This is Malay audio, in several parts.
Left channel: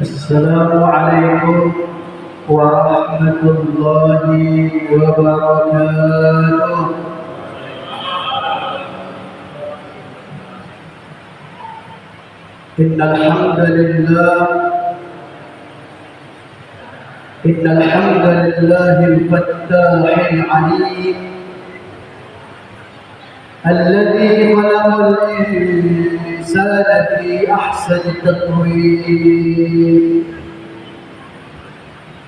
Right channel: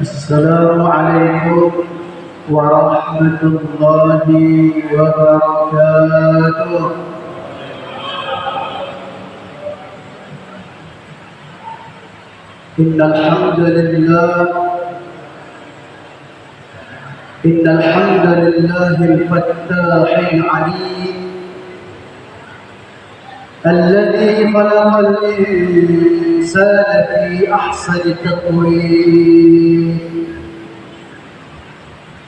السلام عليكم ورحمة الله وبركاته. إن الحمد لله الفتاح العليم الذي خلق الإنسان في أحسن تقويم.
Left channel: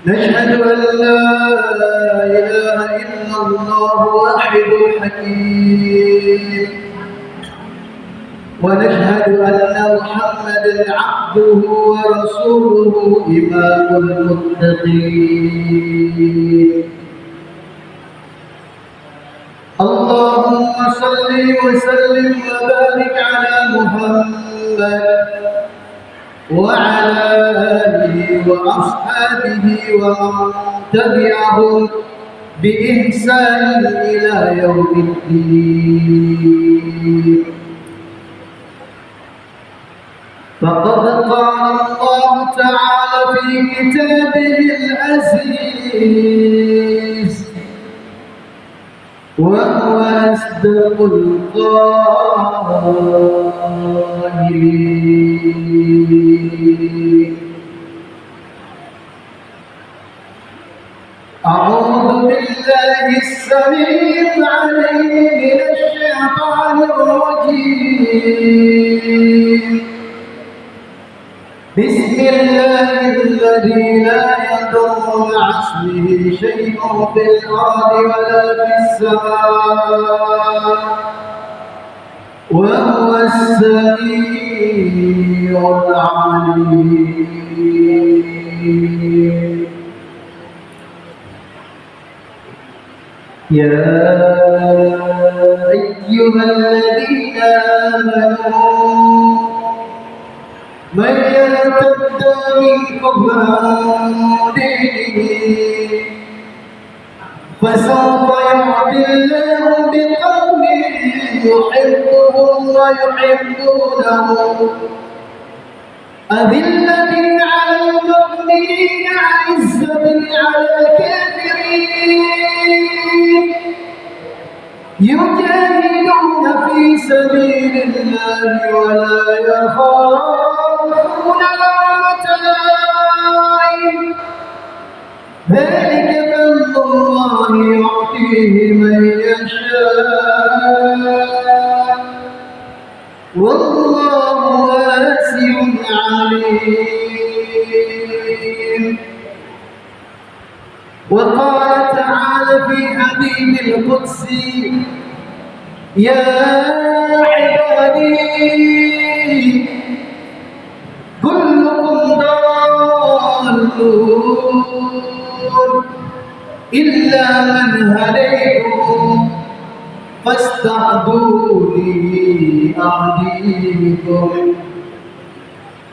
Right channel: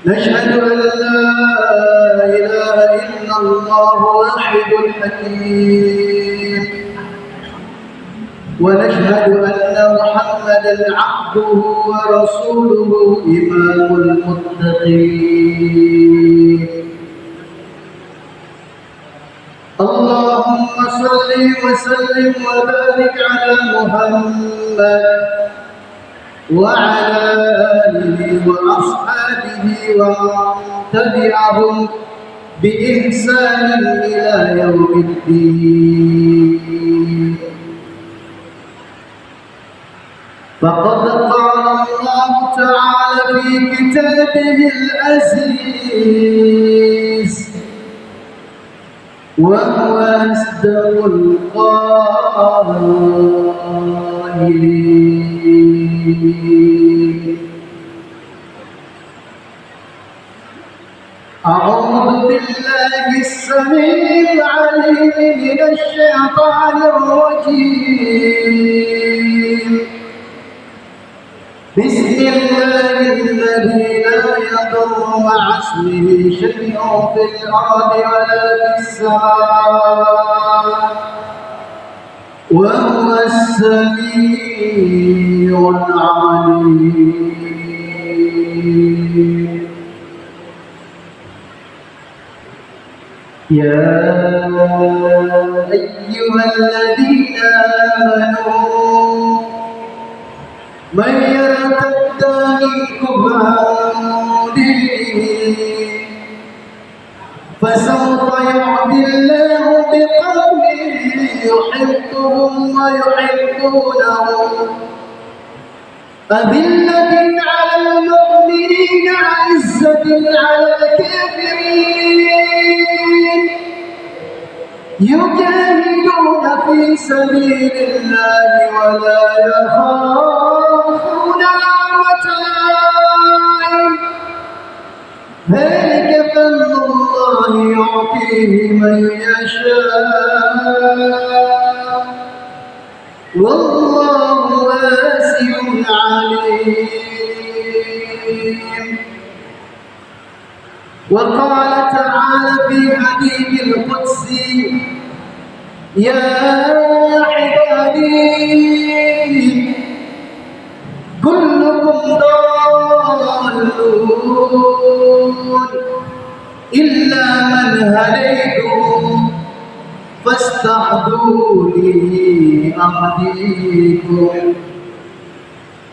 نشهد أن لا إله إلا الله واحد الحكيم، ونشهد أن محمدًا عبده ورسوله إمام المتقين. اللهم صل وسلم وبارك على محمد وعلى آله وأصحابه ومن تبعهم بإحسان إلى يوم الدين. فقد قال الله تعالى في كتابه العزيز وهو أصدق القائلين: أعوذ بالله السميع العليم من الشيطان الرجيم. بسم الله الذي لا يضر مع اسمه شيء في الأرض ولا في السماء وهو السميع العليم. يا أيها الذين آمنوا من يرتد منكم عن دينه فسوف يأتي الله بقوم يحبهم ويحبونه أذلة على المؤمنين عزة على الكافرين يجاهدون في سبيل الله ولا يخافون لومة لائم. ذلك فضل الله يعطيه من يشاء والله واسع عليم. وقال تعالى في حديث القدسي: يا عبادي كلكم ضالون إلا من هديته فاستهدوني أهديكم.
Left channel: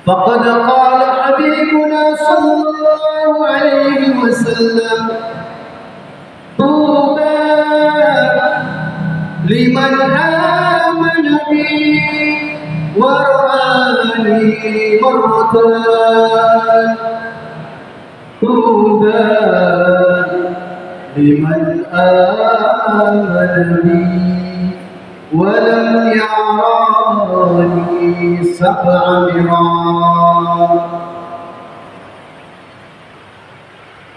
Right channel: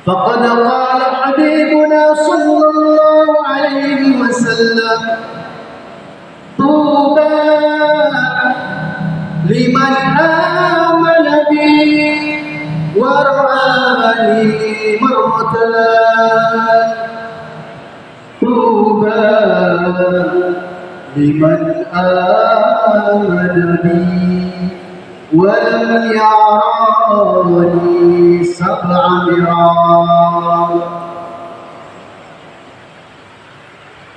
فقد قال حبيبنا صلى الله عليه وسلم: طوبى لمن آمن بي ورآني مرتان. طوبى لمن آمن بي ولم يراني 7 مرات.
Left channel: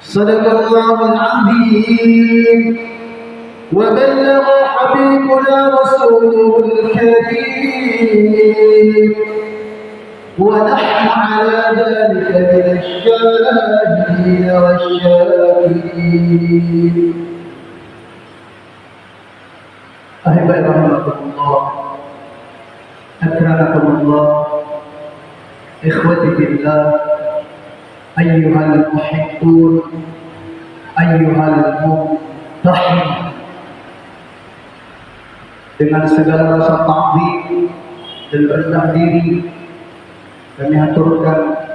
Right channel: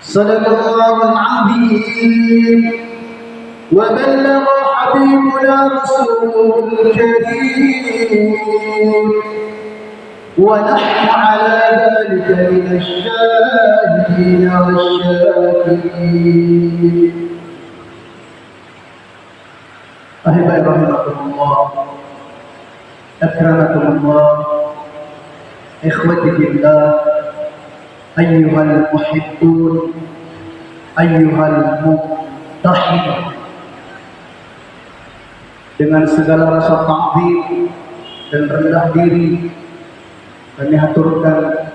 صدق الله العظيم وبلغ حبيبنا رسوله الكريم ونحن على ذلك من الشاهدين والشاكرين. أحبائي رحمكم الله، أكرمكم الله، إخوتي في الله، أيها المحبون، أيها الممتحن. Dengan segala rasa ta'zim dan rendah diri kami haturkan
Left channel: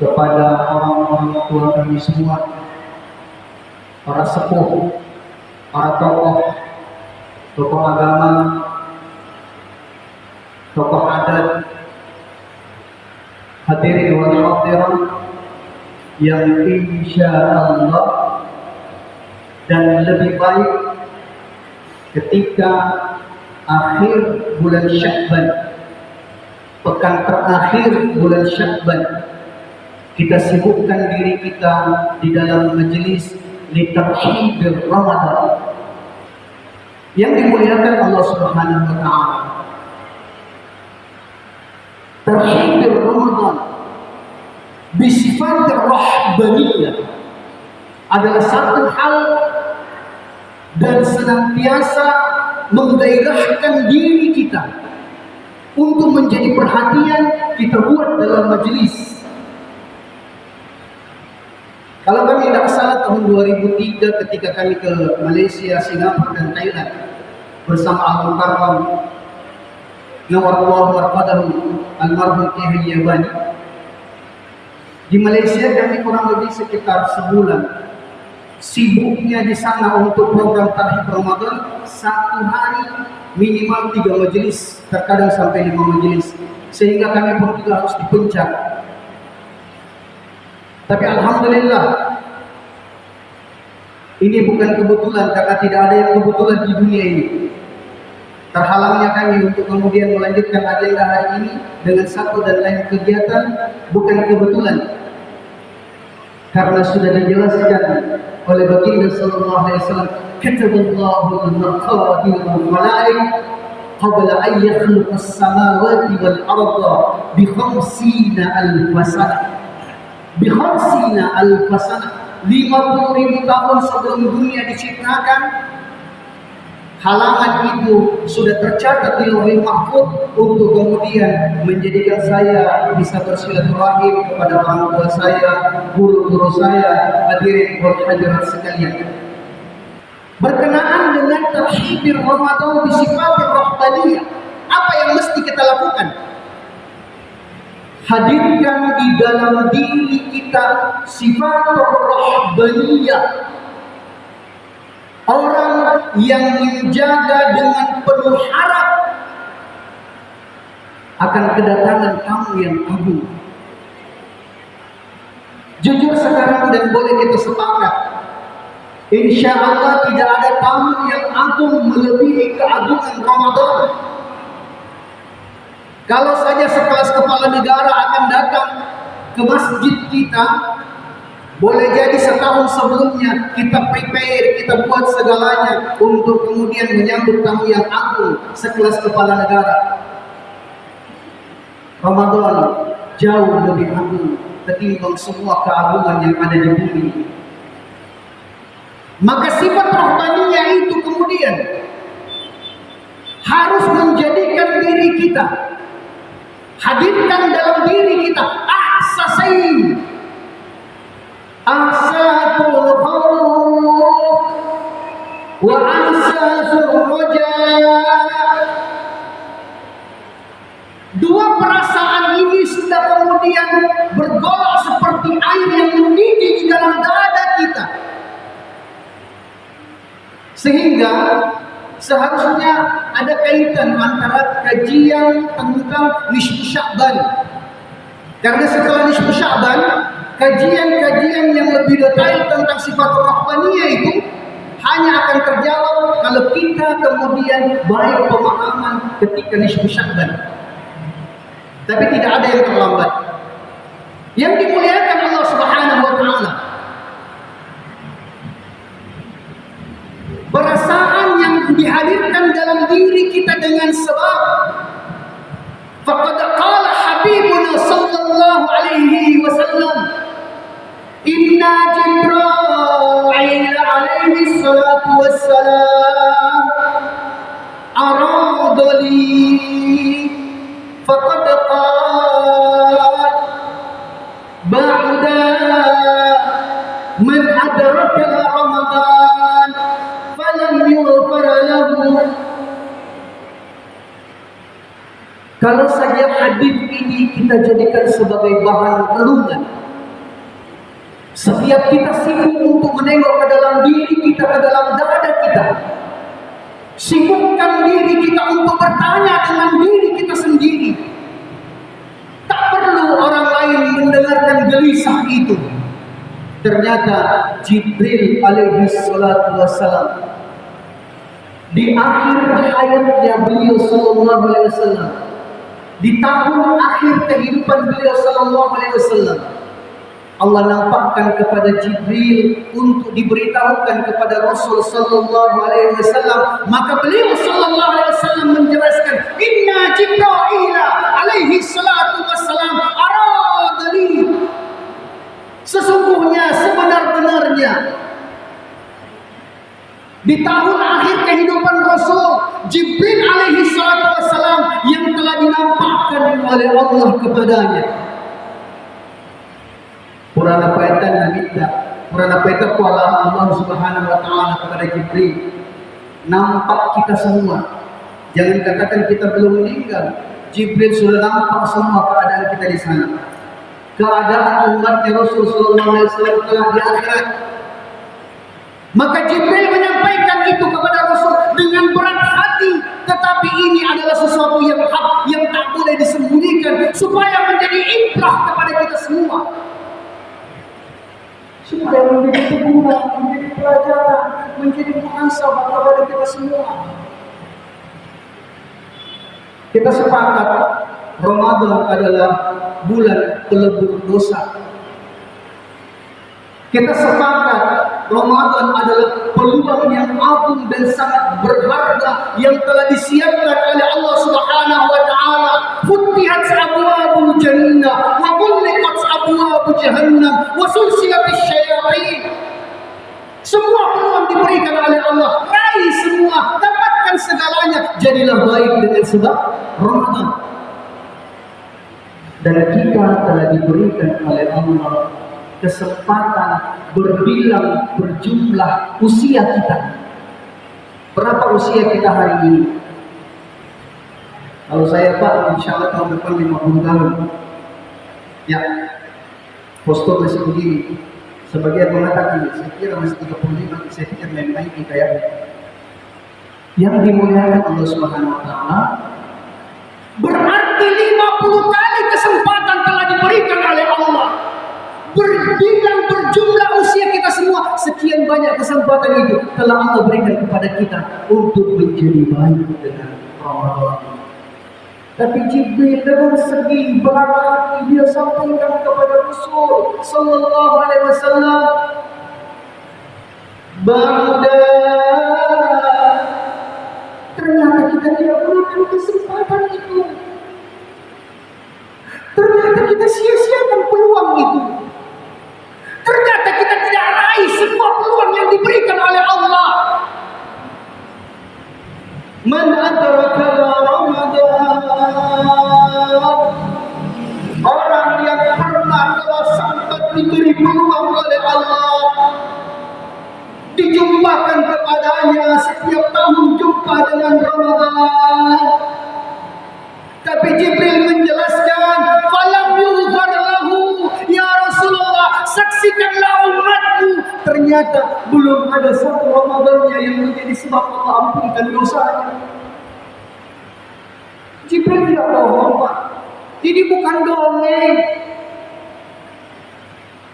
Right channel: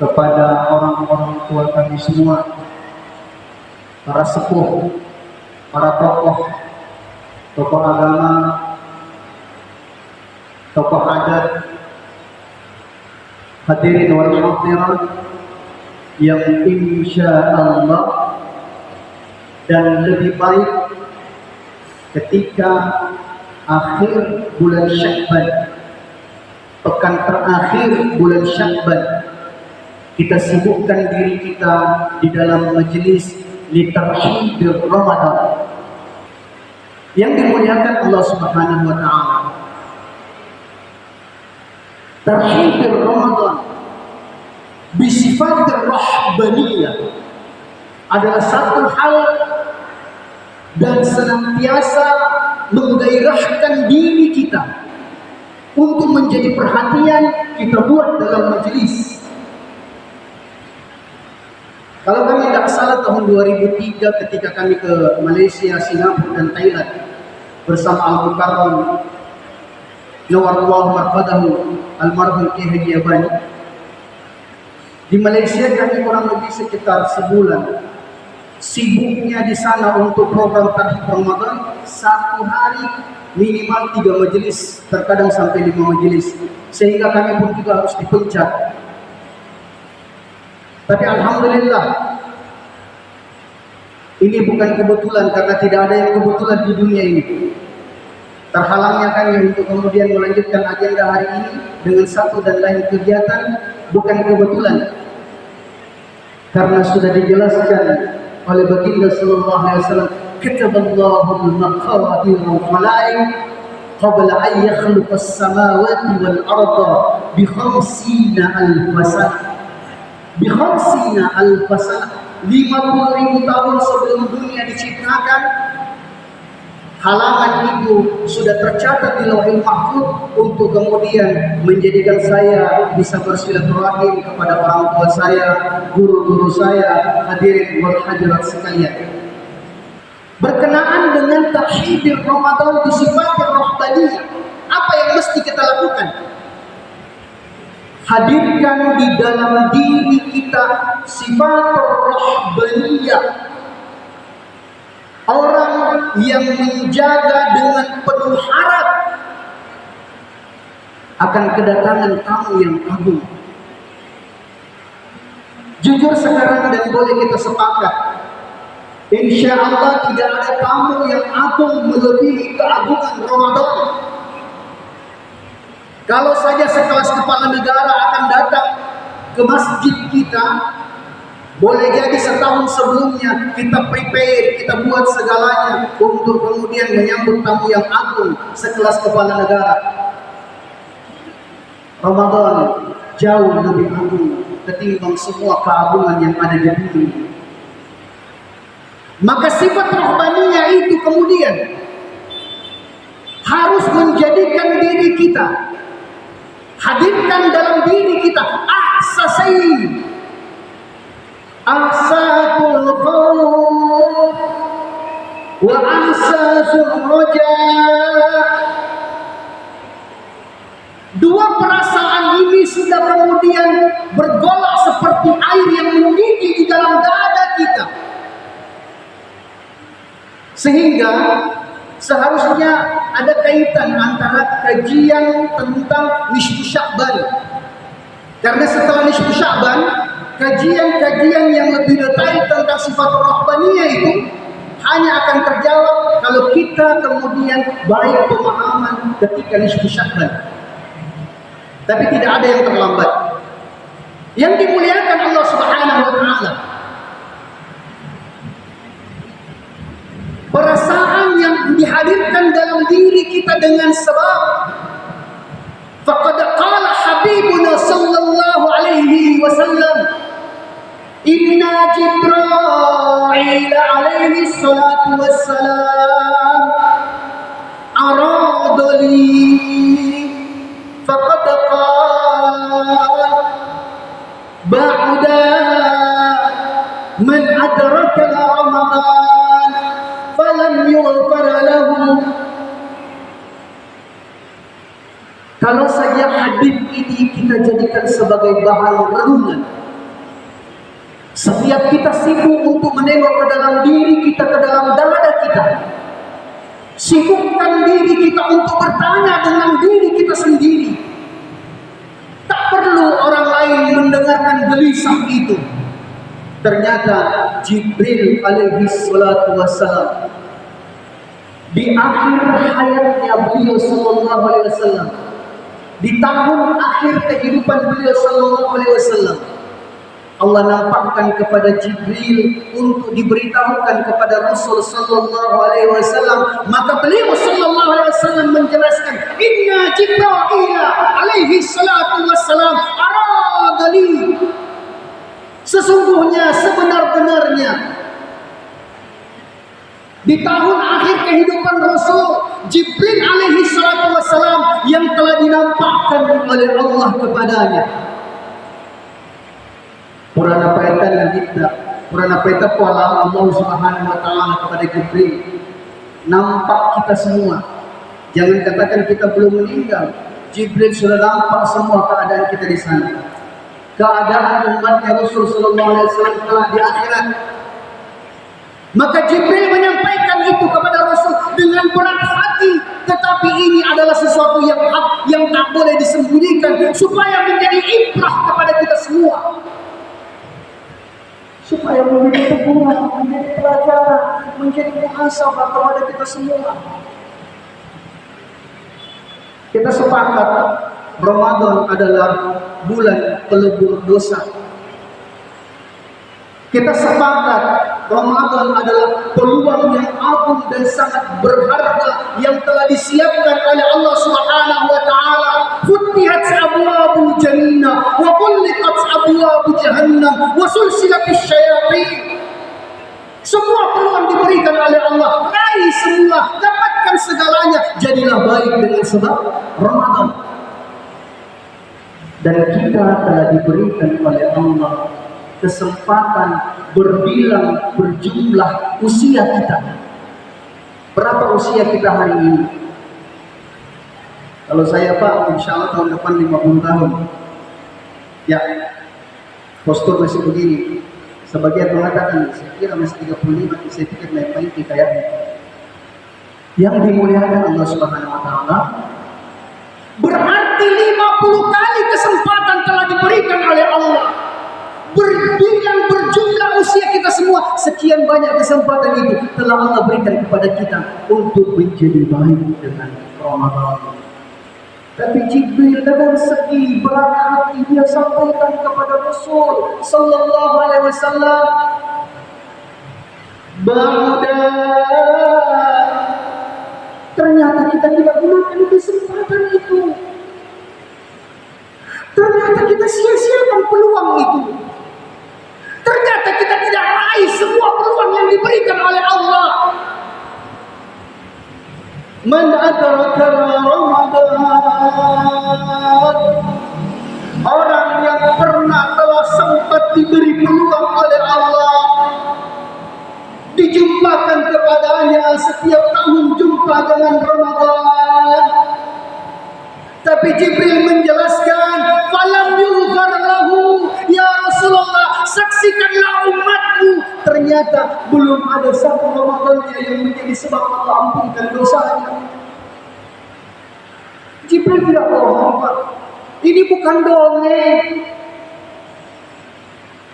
kepada orang-orang tua kami semua, para sepuh, para tokoh agama, tokoh adat, Hadirin wal hadirat yang insya Allah dan lebih baik ketika akhir bulan Sya'ban, pekan terakhir bulan Sya'ban, kita sibukkan diri kita di dalam majelis litarhidir Ramadan yang dimuliakan Allah Subhanahu wa taala. Tarhidir Ramadan bisifat rahbaniyah adalah satu hal dan senantiasa menggairahkan diri kita untuk menjadi perhatian kita buat dalam majelis. Kalau kami tidak salah tahun 2003 ketika kami ke Malaysia, Singapura dan Thailand bersama Al-Mukarram Nawarullah Marqadahu Almarhum Kiai Yabani. Di Malaysia kami kurang lebih sekitar sebulan sibuknya di sana untuk program Tarhib Ramadan. Satu hari minimal 3 majelis, terkadang sampai 5 majelis, sehingga kami pun juga harus dipencet. Tapi alhamdulillah ini bukan kebetulan, karena tidak ada yang kebetulan di dunia ini. Terhalangnya kami untuk kemudian melanjutkan agenda hari ini dengan satu dan lain kegiatan bukan kebetulan, karena sudah dijelaskan oleh baginda sallallahu alaihi wasallam, kataballahu al-maqadir wal-khalaiq qabla an yakhluqa as-samawati wal-arda bi 50,000 sanah. Bi 50,000 sanah, 50.000 tahun sebelum dunia diciptakan. Halangan itu sudah tercatat di Lauhil Mahfuz untuk kemudian menjadikan saya bisa bersilaturahim kepada orang tua saya, guru-guru saya, hadirin wal hadirat sekalian. Berkenaan dengan tarhidir Ramadan bisifatir rahbaniyah, apa yang mesti kita lakukan? Hadirkan di dalam diri kita sifatur rahbaniyah. Orang yang menjaga dengan penuh harap akan kedatangan tamu yang agung. Jujur sekarang dan boleh kita sepakat, insya Allah tidak ada tamu yang agung melebihi keagungan Ramadan. Kalau saja sekelas kepala negara akan datang ke masjid kita, boleh jadi setahun sebelumnya kita prepare, kita buat segalanya untuk kemudian menyambut tamu yang agung sekelas kepala negara. Ramadan jauh lebih agung ketimbang semua keagungan yang ada di bumi. Maka sifat rahbaniyah itu kemudian harus menjadikan diri kita, hadirkan dalam diri kita ahsasain, asatul khawf wa asasul roja. Dua perasaan ini sudah kemudian bergolak seperti air yang mendidih di dalam dada kita, sehingga seharusnya ada kaitan antara kajian tentang nisfu Sya'ban. Karena setelah nisfu Sya'ban, kajian-kajian yang lebih detail tentang sifat rahbaniyah itu hanya akan terjawab kalau kita kemudian baik pemahaman ketika nisfu Sya'ban. Tapi tidak ada yang terlambat. Yang dimuliakan Allah Subhanahu wa taala, perasaan yang dihadirkan dalam diri kita dengan sebab faqad qala habibuna sallallahu alaihi wasallam, inna Jibril alaihi salatu wassalam aradali faqad qala ba'da man adraka Ramadan falam yughfar lahu. Kalau saja hadis ini kita jadikan sebagai bahan renungan, setiap kita sibuk untuk menengok ke dalam diri kita, ke dalam dada kita, sibukkan diri kita untuk bertanya dengan diri kita sendiri. Tak perlu orang lain keadaan gelisah itu, ternyata Jibril alaihi salatu wassalam di akhir hayatnya beliau sallallahu alaihi wasallam, di tahun akhir kehidupan beliau sallallahu alaihi wasallam, Allah nampakkan kepada Jibril untuk diberitahukan kepada Rasul sallallahu alaihi wasallam. Maka beliau sallallahu alaihi wasallam menjelaskan, "Inna Jibril alaihi salatu wassalam aradali." Sesungguhnya sebenar-benarnya di tahun akhir kehidupan Rasul, Jibril alaihi salatu wassalam yang telah dinampakkan oleh Allah kepadanya. Purana paitan kita, purana paitan kuala Allah Subhanahu wa taala kepada Jibril. Nampak kita semua. Jangan katakan kita belum meninggal. Jibril sudah nampak semua keadaan kita di sana. Keadaan umatnya Rasul sallallahu alaihi wasallam telah di akhirat. Maka Jibril menyampaikan itu kepada Rasul dengan berat hati, tetapi ini adalah sesuatu yang hak, yang tak boleh disembunyikan, supaya menjadi ibrah kepada kita semua, supaya menjadi teguran, menjadi pelajaran, menjadi muhasabah kepada kita semua. Kita sepakat Ramadan adalah bulan pelebur dosa. Kita sepakat Ramadan adalah peluang yang agung dan sangat berharga yang telah disiapkan oleh Allah Subhanahu wa taala. Futihat abwaabul jannah wa ghulqat abwaab jahannam wa sulsilatis syayatin. Semua peluang diberikan oleh Allah. Raih semua, dapatkan segalanya. Jadilah baik dengan sebab Ramadan. Dan kita telah diberikan oleh Allah kesempatan berbilang berjumlah usia kita. Berapa usia kita hari ini? Kalau saya Pak, insya Allah tahun depan 50 tahun. Ya, postur masih begini. Sebagian mengatakan, saya kira masih 35, saya pikir main-main kayaknya. Yang dimuliakan Allah Subhanahu wa taala, berarti 50 kali kesempatan telah diberikan oleh Allah. Berbilang berjumlah usia kita semua, sekian banyak kesempatan itu telah Allah berikan kepada kita untuk menjadi baik dengan Ramadan. Tapi Jibril dengan segi berat hati dia sampaikan kepada Rasul sallallahu alaihi wasallam, "Ba'da." Ternyata kita tidak gunakan kesempatan itu. Ternyata kita sia-siakan peluang itu. Ternyata kita tidak raih semua peluang yang diberikan oleh Allah. Man adraka Ramadan, orang yang pernah telah sempat diberi peluang oleh Allah, dijumpakan kepadanya setiap tahun jumpa dengan Ramadan. Tapi Jibril menjelaskan, falam yughfar lahu, ya Rasulullah, saksikanlah umatmu, ternyata belum ada satu Ramadannya yang menjadi sebab Allah ampunkan dosanya. Jibril tidak bohong Pak, ini bukan dongeng.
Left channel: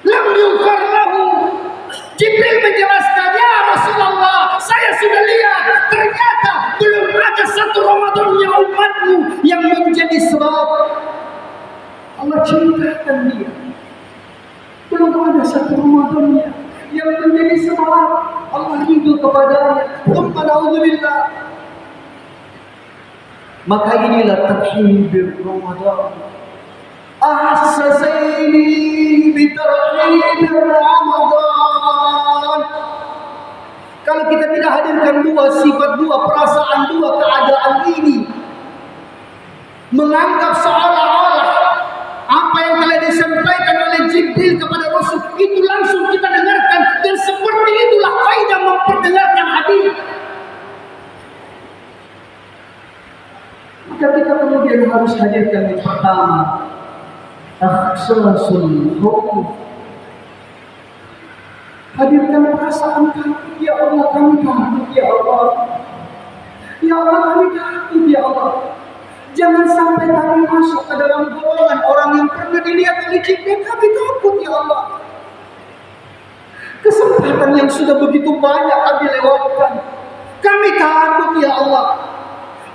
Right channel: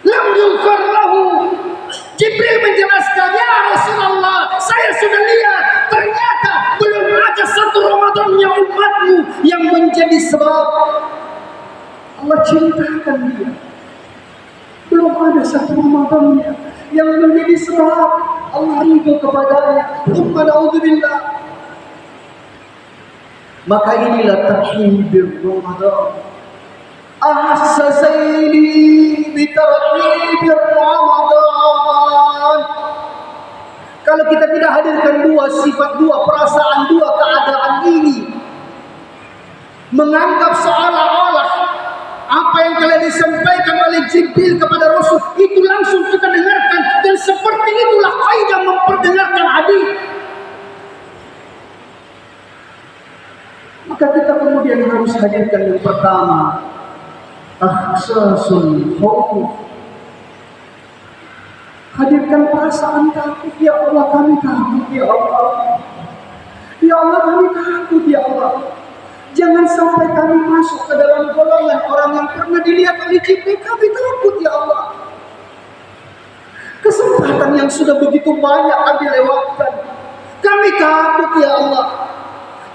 Lam yughfar lahu. Jibril menjelaskan, ya Rasulullah, saya sudah lihat, ternyata belum ada satu Ramadannya umatmu yang menjadi sebab Allah cintakan dia. Belum ada satu Ramadannya yang menjadi sebab Allah ridho kepadanya. Alhamdulillah. Maka inilah tarhib Ramadan. Ahsasaini bitarhib Ramadan. Kalau kita tidak hadirkan dua sifat, dua perasaan, dua keadaan ini, menganggap seolah-olah apa yang telah disampaikan oleh Jibril kepada Rasul itu langsung kita dengarkan, dan seperti itulah kaidah memperdengarkan hadis. Maka kita kemudian harus hadirkan yang pertama, ahsasul khauf. Hadirkan perasaan takut, ya Allah kami takut, ya Allah. Ya Allah kami takut, ya Allah. Jangan sampai kami masuk ke dalam golongan orang yang pernah dilihat oleh Jibril. Kami takut ya Allah. Kesempatan yang sudah begitu banyak kami lewatkan. Kami takut ya Allah.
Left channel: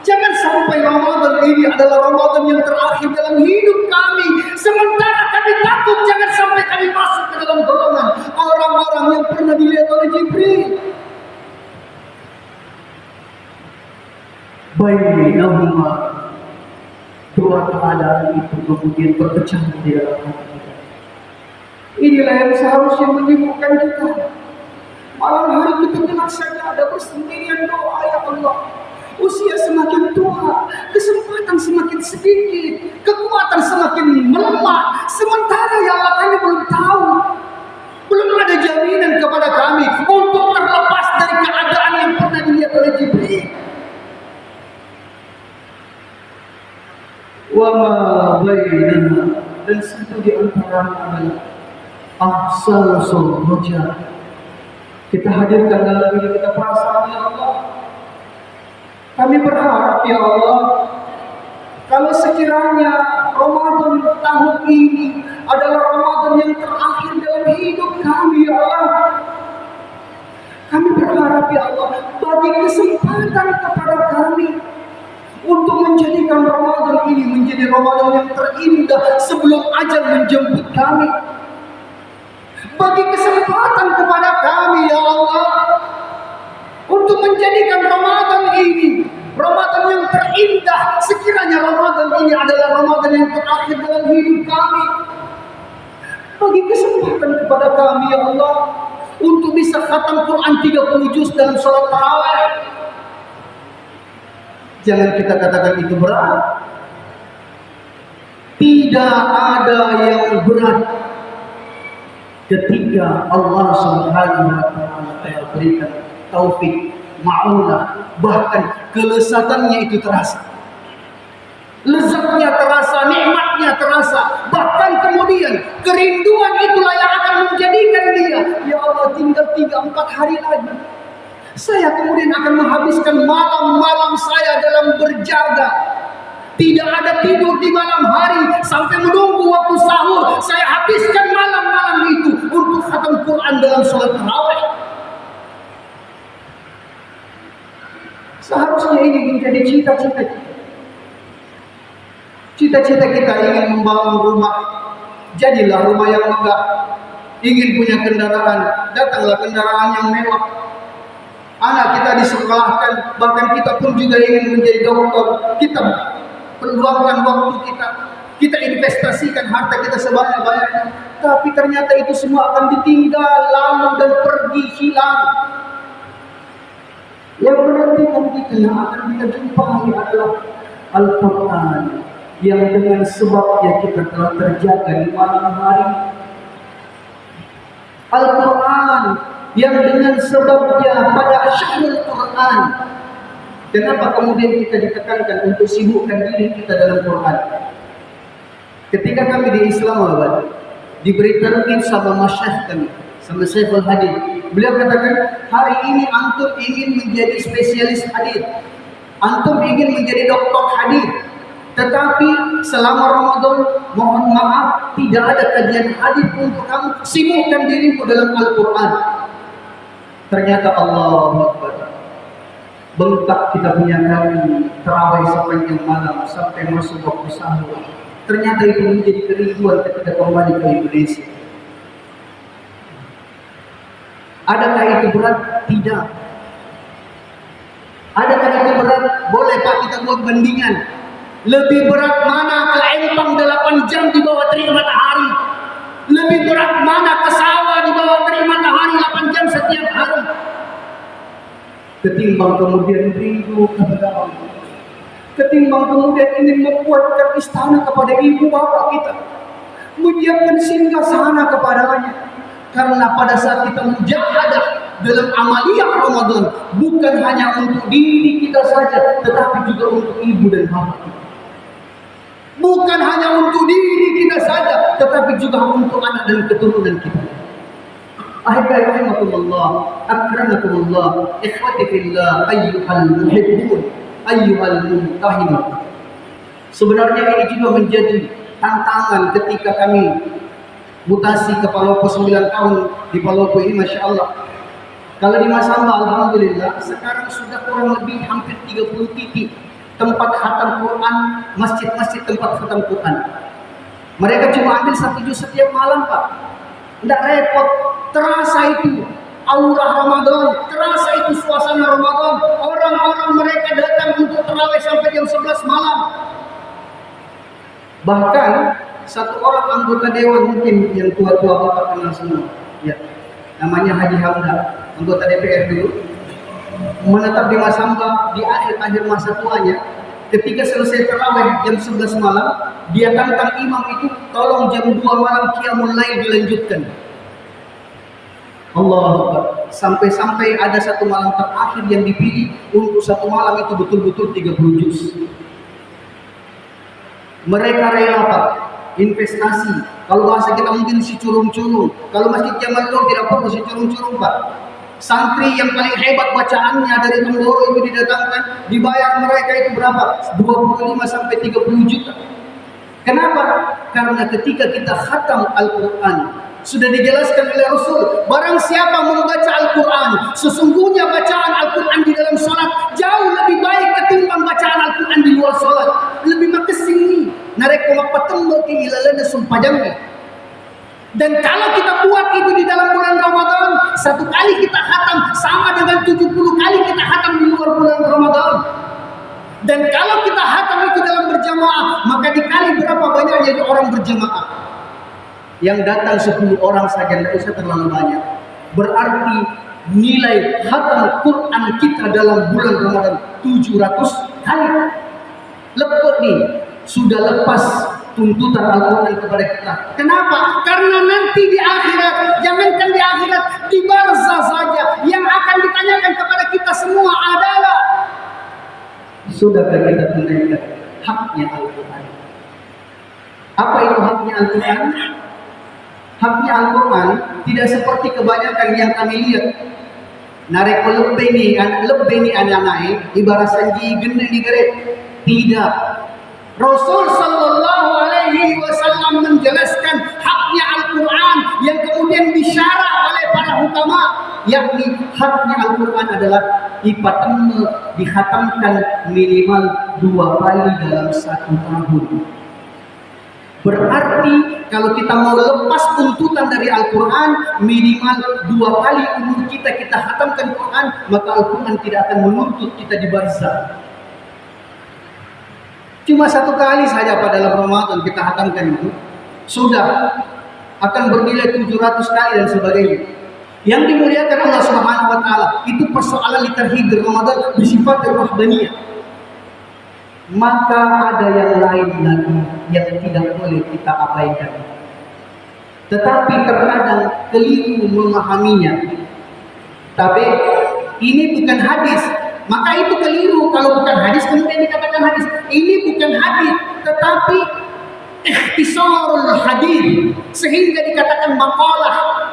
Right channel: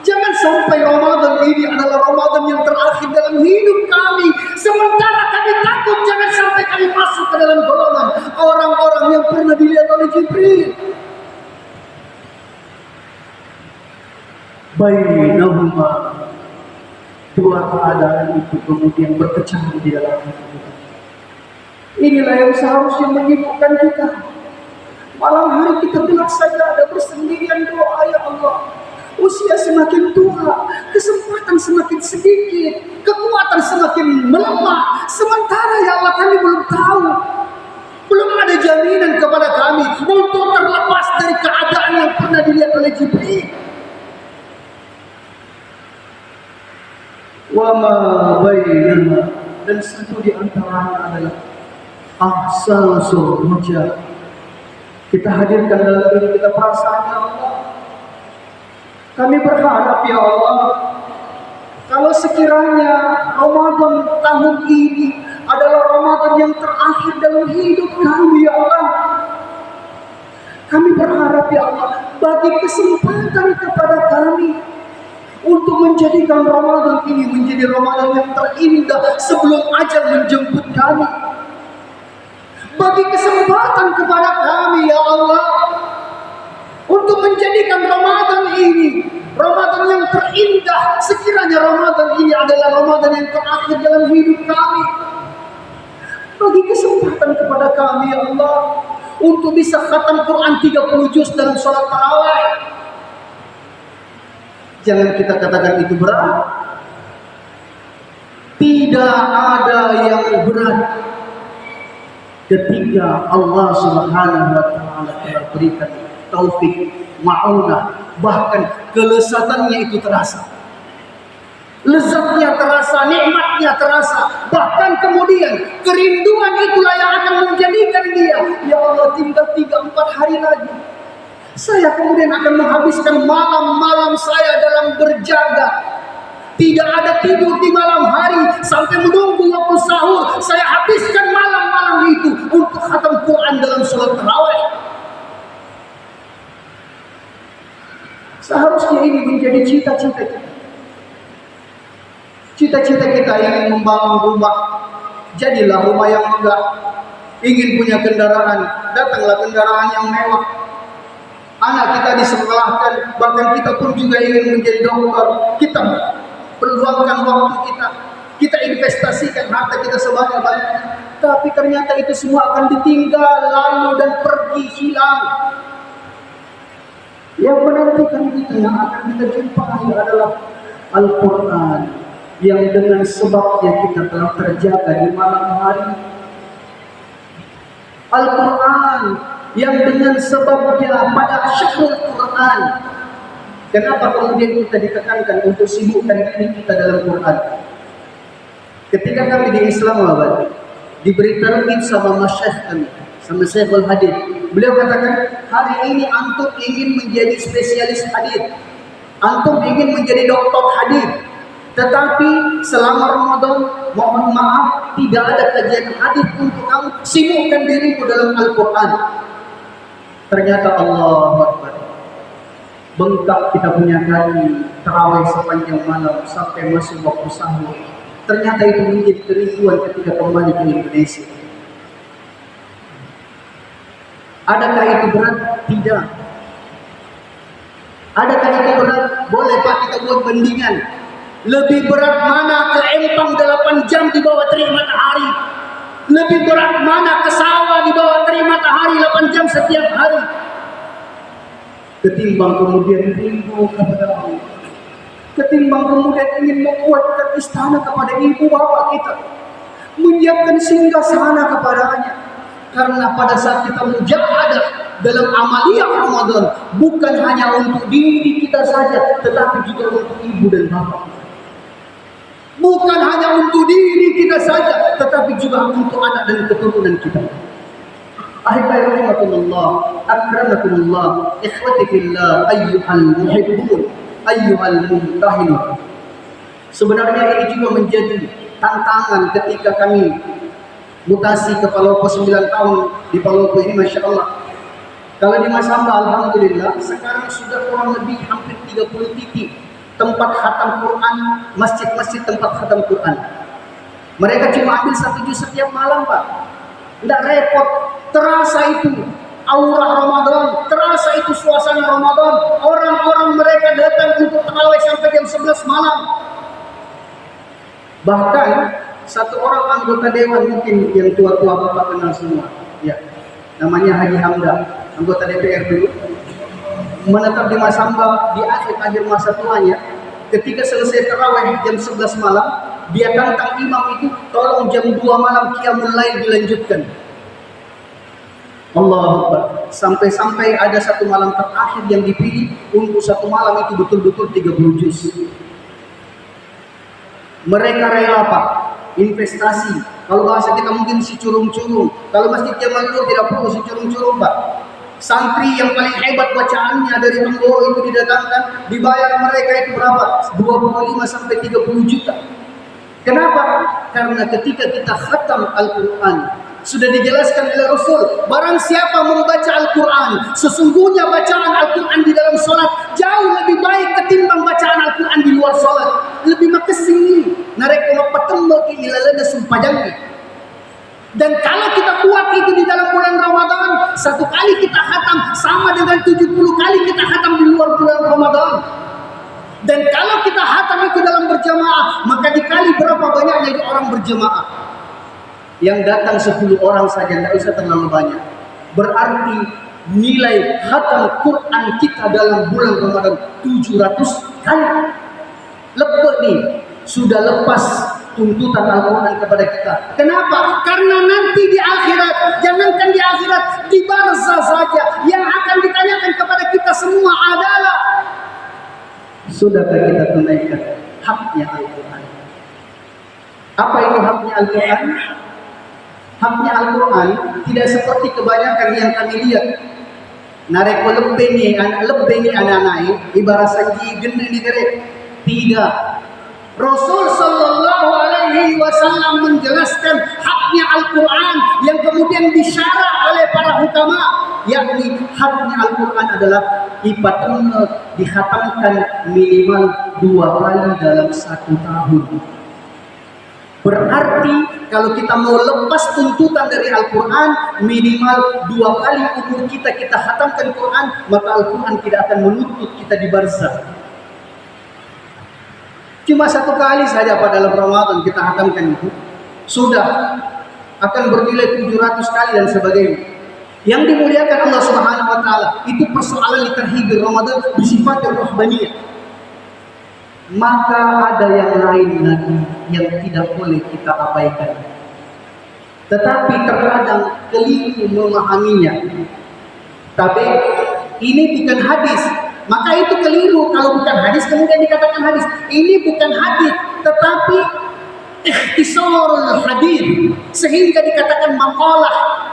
Jangan sampai Ramadan ini adalah Ramadan yang terakhir dalam hidup kami. Sementara kami takut jangan sampai kami masuk ke dalam golongan orang-orang yang pernah dilihat oleh Jibril. Bainahuma, dua keadaan itu kemudian berpecah di dalam hati kita. Inilah yang seharusnya menyibukkan kita. Malam hari kita bilang saja ada bersendirian doa, ya Allah. Usia semakin tua, kesempatan semakin sedikit, kekuatan semakin melemah. Sementara ya Allah kami belum tahu, belum ada jaminan kepada kami untuk terlepas dari keadaan yang pernah dilihat oleh Jibril. Wa ma bainana, dan satu di antaranya adalah ahsan surja. Kita hadirkan dalam diri kita perasaan ya Allah. Kami berharap ya Allah, kalau sekiranya Ramadan tahun ini adalah Ramadan yang terakhir dalam hidup kami ya Allah, kami berharap ya Allah, bagi kesempatan kepada kami untuk menjadikan Ramadan ini menjadi Ramadan yang terindah sebelum ajal menjemput kami. Bagi kesempatan kepada kami ya Allah untuk menjadikan Ramadan ini Ramadan yang terindah. Sekiranya Ramadan ini adalah Ramadan yang terakhir dalam hidup kami, bagi kesempatan kepada kami ya Allah untuk bisa khatam Quran 30 juz dalam sholat tarawih. Jangan kita katakan itu berat. Tidak ada yang berat ketika Allah Subhanahu wa taala telah berikan taufik, ma'unah, bahkan kelezatannya itu terasa. Lezatnya terasa, nikmatnya terasa. Bahkan kemudian kerinduan itulah yang akan menjadikan dia, ya Allah tinggal 3-4 hari lagi. Saya kemudian akan menghabiskan malam-malam saya dalam berjaga. Tidak ada tidur di malam hari sampai menunggu waktu sahur. Saya habiskan malam-malam itu untuk khatam Quran dalam sholat tarawih. Seharusnya ini menjadi cita-cita kita. Cita-cita kita ingin membangun rumah. Jadilah rumah yang megah. Ingin punya kendaraan, datanglah kendaraan yang mewah. Anak kita disekolahkan, bahkan kita pun juga ingin menjadi dokter. Kita peluangkan waktu kita, kita investasikan harta kita sebanyak-banyaknya. Tapi ternyata itu semua akan ditinggal, lalu dan pergi, hilang. Yang menantikan kita, yang akan kita jumpai adalah Al-Quran, yang dengan sebabnya kita telah terjaga di malam hari. Al-Quran yang dengan sebabnya pada syahrul Quran. Kenapa kemudian kita ditekankan untuk sibukkan diri kita dalam Quran? Ketika kami di Islamabad diberi target sama masyayikh kami, sama Syekhul Hadis, beliau katakan, hari ini antum ingin menjadi spesialis hadis, antum ingin menjadi doktor hadis, tetapi selama Ramadan mohon maaf tidak ada kajian hadis untuk kamu. Sibukkan dirimu dalam Al-Quran. Ternyata Allahu Akbar, bengkak kita punya kali terawih sepanjang malam sampai masuk waktu sahur. Ternyata itu menjadi kerinduan ketika kembali ke Indonesia. Adakah itu berat? Tidak. Adakah itu berat? Boleh Pak kita buat bandingan. Lebih berat mana ke empang 8 jam di bawah terik matahari? Lebih berat mana ke sawah di bawah terik matahari 8 jam setiap hari? Ketimbang kemudian rindu kepada Allah, ketimbang kemudian ingin membuatkan istana kepada ibu bapak kita, menyiapkan singgasana kepadanya. Karena pada saat kita mujahadah dalam amaliyah Ramadan, bukan hanya untuk diri kita saja, tetapi juga untuk ibu dan bapak kita. Bukan hanya untuk diri kita saja, tetapi juga untuk anak dan keturunan kita. Ahibbai rahimakumullah, akramakumullah, ikhwati fillah, ayyuhal muhibbun, ayyuhal mumtahinun. Sebenarnya ini juga menjadi tantangan ketika kami mutasi ke Palopo 9 tahun di Palopo ini, Masya Allah. Kalau di Masamba, Alhamdulillah, sekarang sudah kurang lebih hampir 30 titik tempat khatam Quran, masjid-masjid tempat khatam Quran. Mereka cuma ambil 1 juz setiap malam, Pak. Tidak repot, terasa itu aura Ramadan, terasa itu suasana Ramadan. Orang-orang mereka datang untuk tarawih sampai jam 11 malam. Bahkan satu orang anggota dewan, mungkin yang tua-tua Bapak kenal semua, ya, namanya Haji Hamda, anggota DPR dulu, menetap di Masamba di akhir-akhir masa tuanya. Ketika selesai tarawih jam 11 malam, dia tantang imam itu, tolong jam 2 malam qiyamul lail dilanjutkan. Allahu Akbar. Sampai-sampai ada satu malam terakhir yang dipilih untuk satu malam itu betul-betul 30 juz. Mereka rela, Pak, investasi. Kalau bahasa kita mungkin si curung-curung. Kalau Masjid Jamal Nur tidak perlu si curung-curung, Pak. Santri yang paling hebat bacaannya dari Temboro itu didatangkan, dibayar mereka itu berapa? 25 sampai 30 juta. Kenapa? Karena ketika kita khatam Al-Quran, sudah dijelaskan oleh Rasul, barang siapa membaca Al-Quran, sesungguhnya bacaan Al-Quran di dalam sholat jauh lebih baik ketimbang bacaan Al-Quran di luar sholat. Lebih makasih narek mapatembok ilalana sumpajangnya. Dan kalau kita buat itu di dalam bulan Ramadan, 1 kali kita khatam sama dengan 70 kali kita khatam di luar bulan Ramadan. Dan kalau kita khatam itu dalam berjamaah, maka dikali berapa banyaknya itu orang berjamaah. Yang datang 10 orang saja, tidak usah terlalu banyak. Berarti nilai khatam Quran kita dalam bulan Ramadan 700 kali. Lepek nih, sudah lepas tuntutan Al-Quran kepada kita. Kenapa? Karena nanti di akhirat, jangankan di akhirat, di barzah saja, yang akan ditanyakan kepada kita semua adalah, sudahkah kita tunaikan haknya Al-Quran? Apa itu haknya Al-Quran? Haknya Al-Quran tidak seperti kebanyakan yang kami lihat. Narek lebih ni anak-anak ibarat sanji gendeng di geret. Tidak. Rasul sallallahu alaihi wasallam menjelaskan haknya Al-Quran yang kemudian disyarah oleh para ulama, yakni haknya Al-Quran adalah dikhatamkan minimal 2 kali dalam 1 tahun. Berarti kalau kita mau lepas tuntutan dari Al-Quran, minimal 2 kali umur kita khatamkan Quran, maka Al-Quran tidak akan menuntut kita di barzah. Cuma 1 kali saja pada dalam Ramadan kita khatamkan itu, sudah akan bernilai 700 kali dan sebagainya. Yang dimuliakan Allah Subhanahu wa taala, itu persoalan litarhib Ramadan bersifat rahbaniyah. Maka ada yang lain lagi yang tidak boleh kita abaikan. Tetapi terkadang keliru memahaminya. Tapi ini bukan hadis, maka itu keliru. Kalau bukan hadis kemudian dikatakan hadis. Ini bukan hadis, tetapi ikhtisarul hadis, sehingga dikatakan maqalah.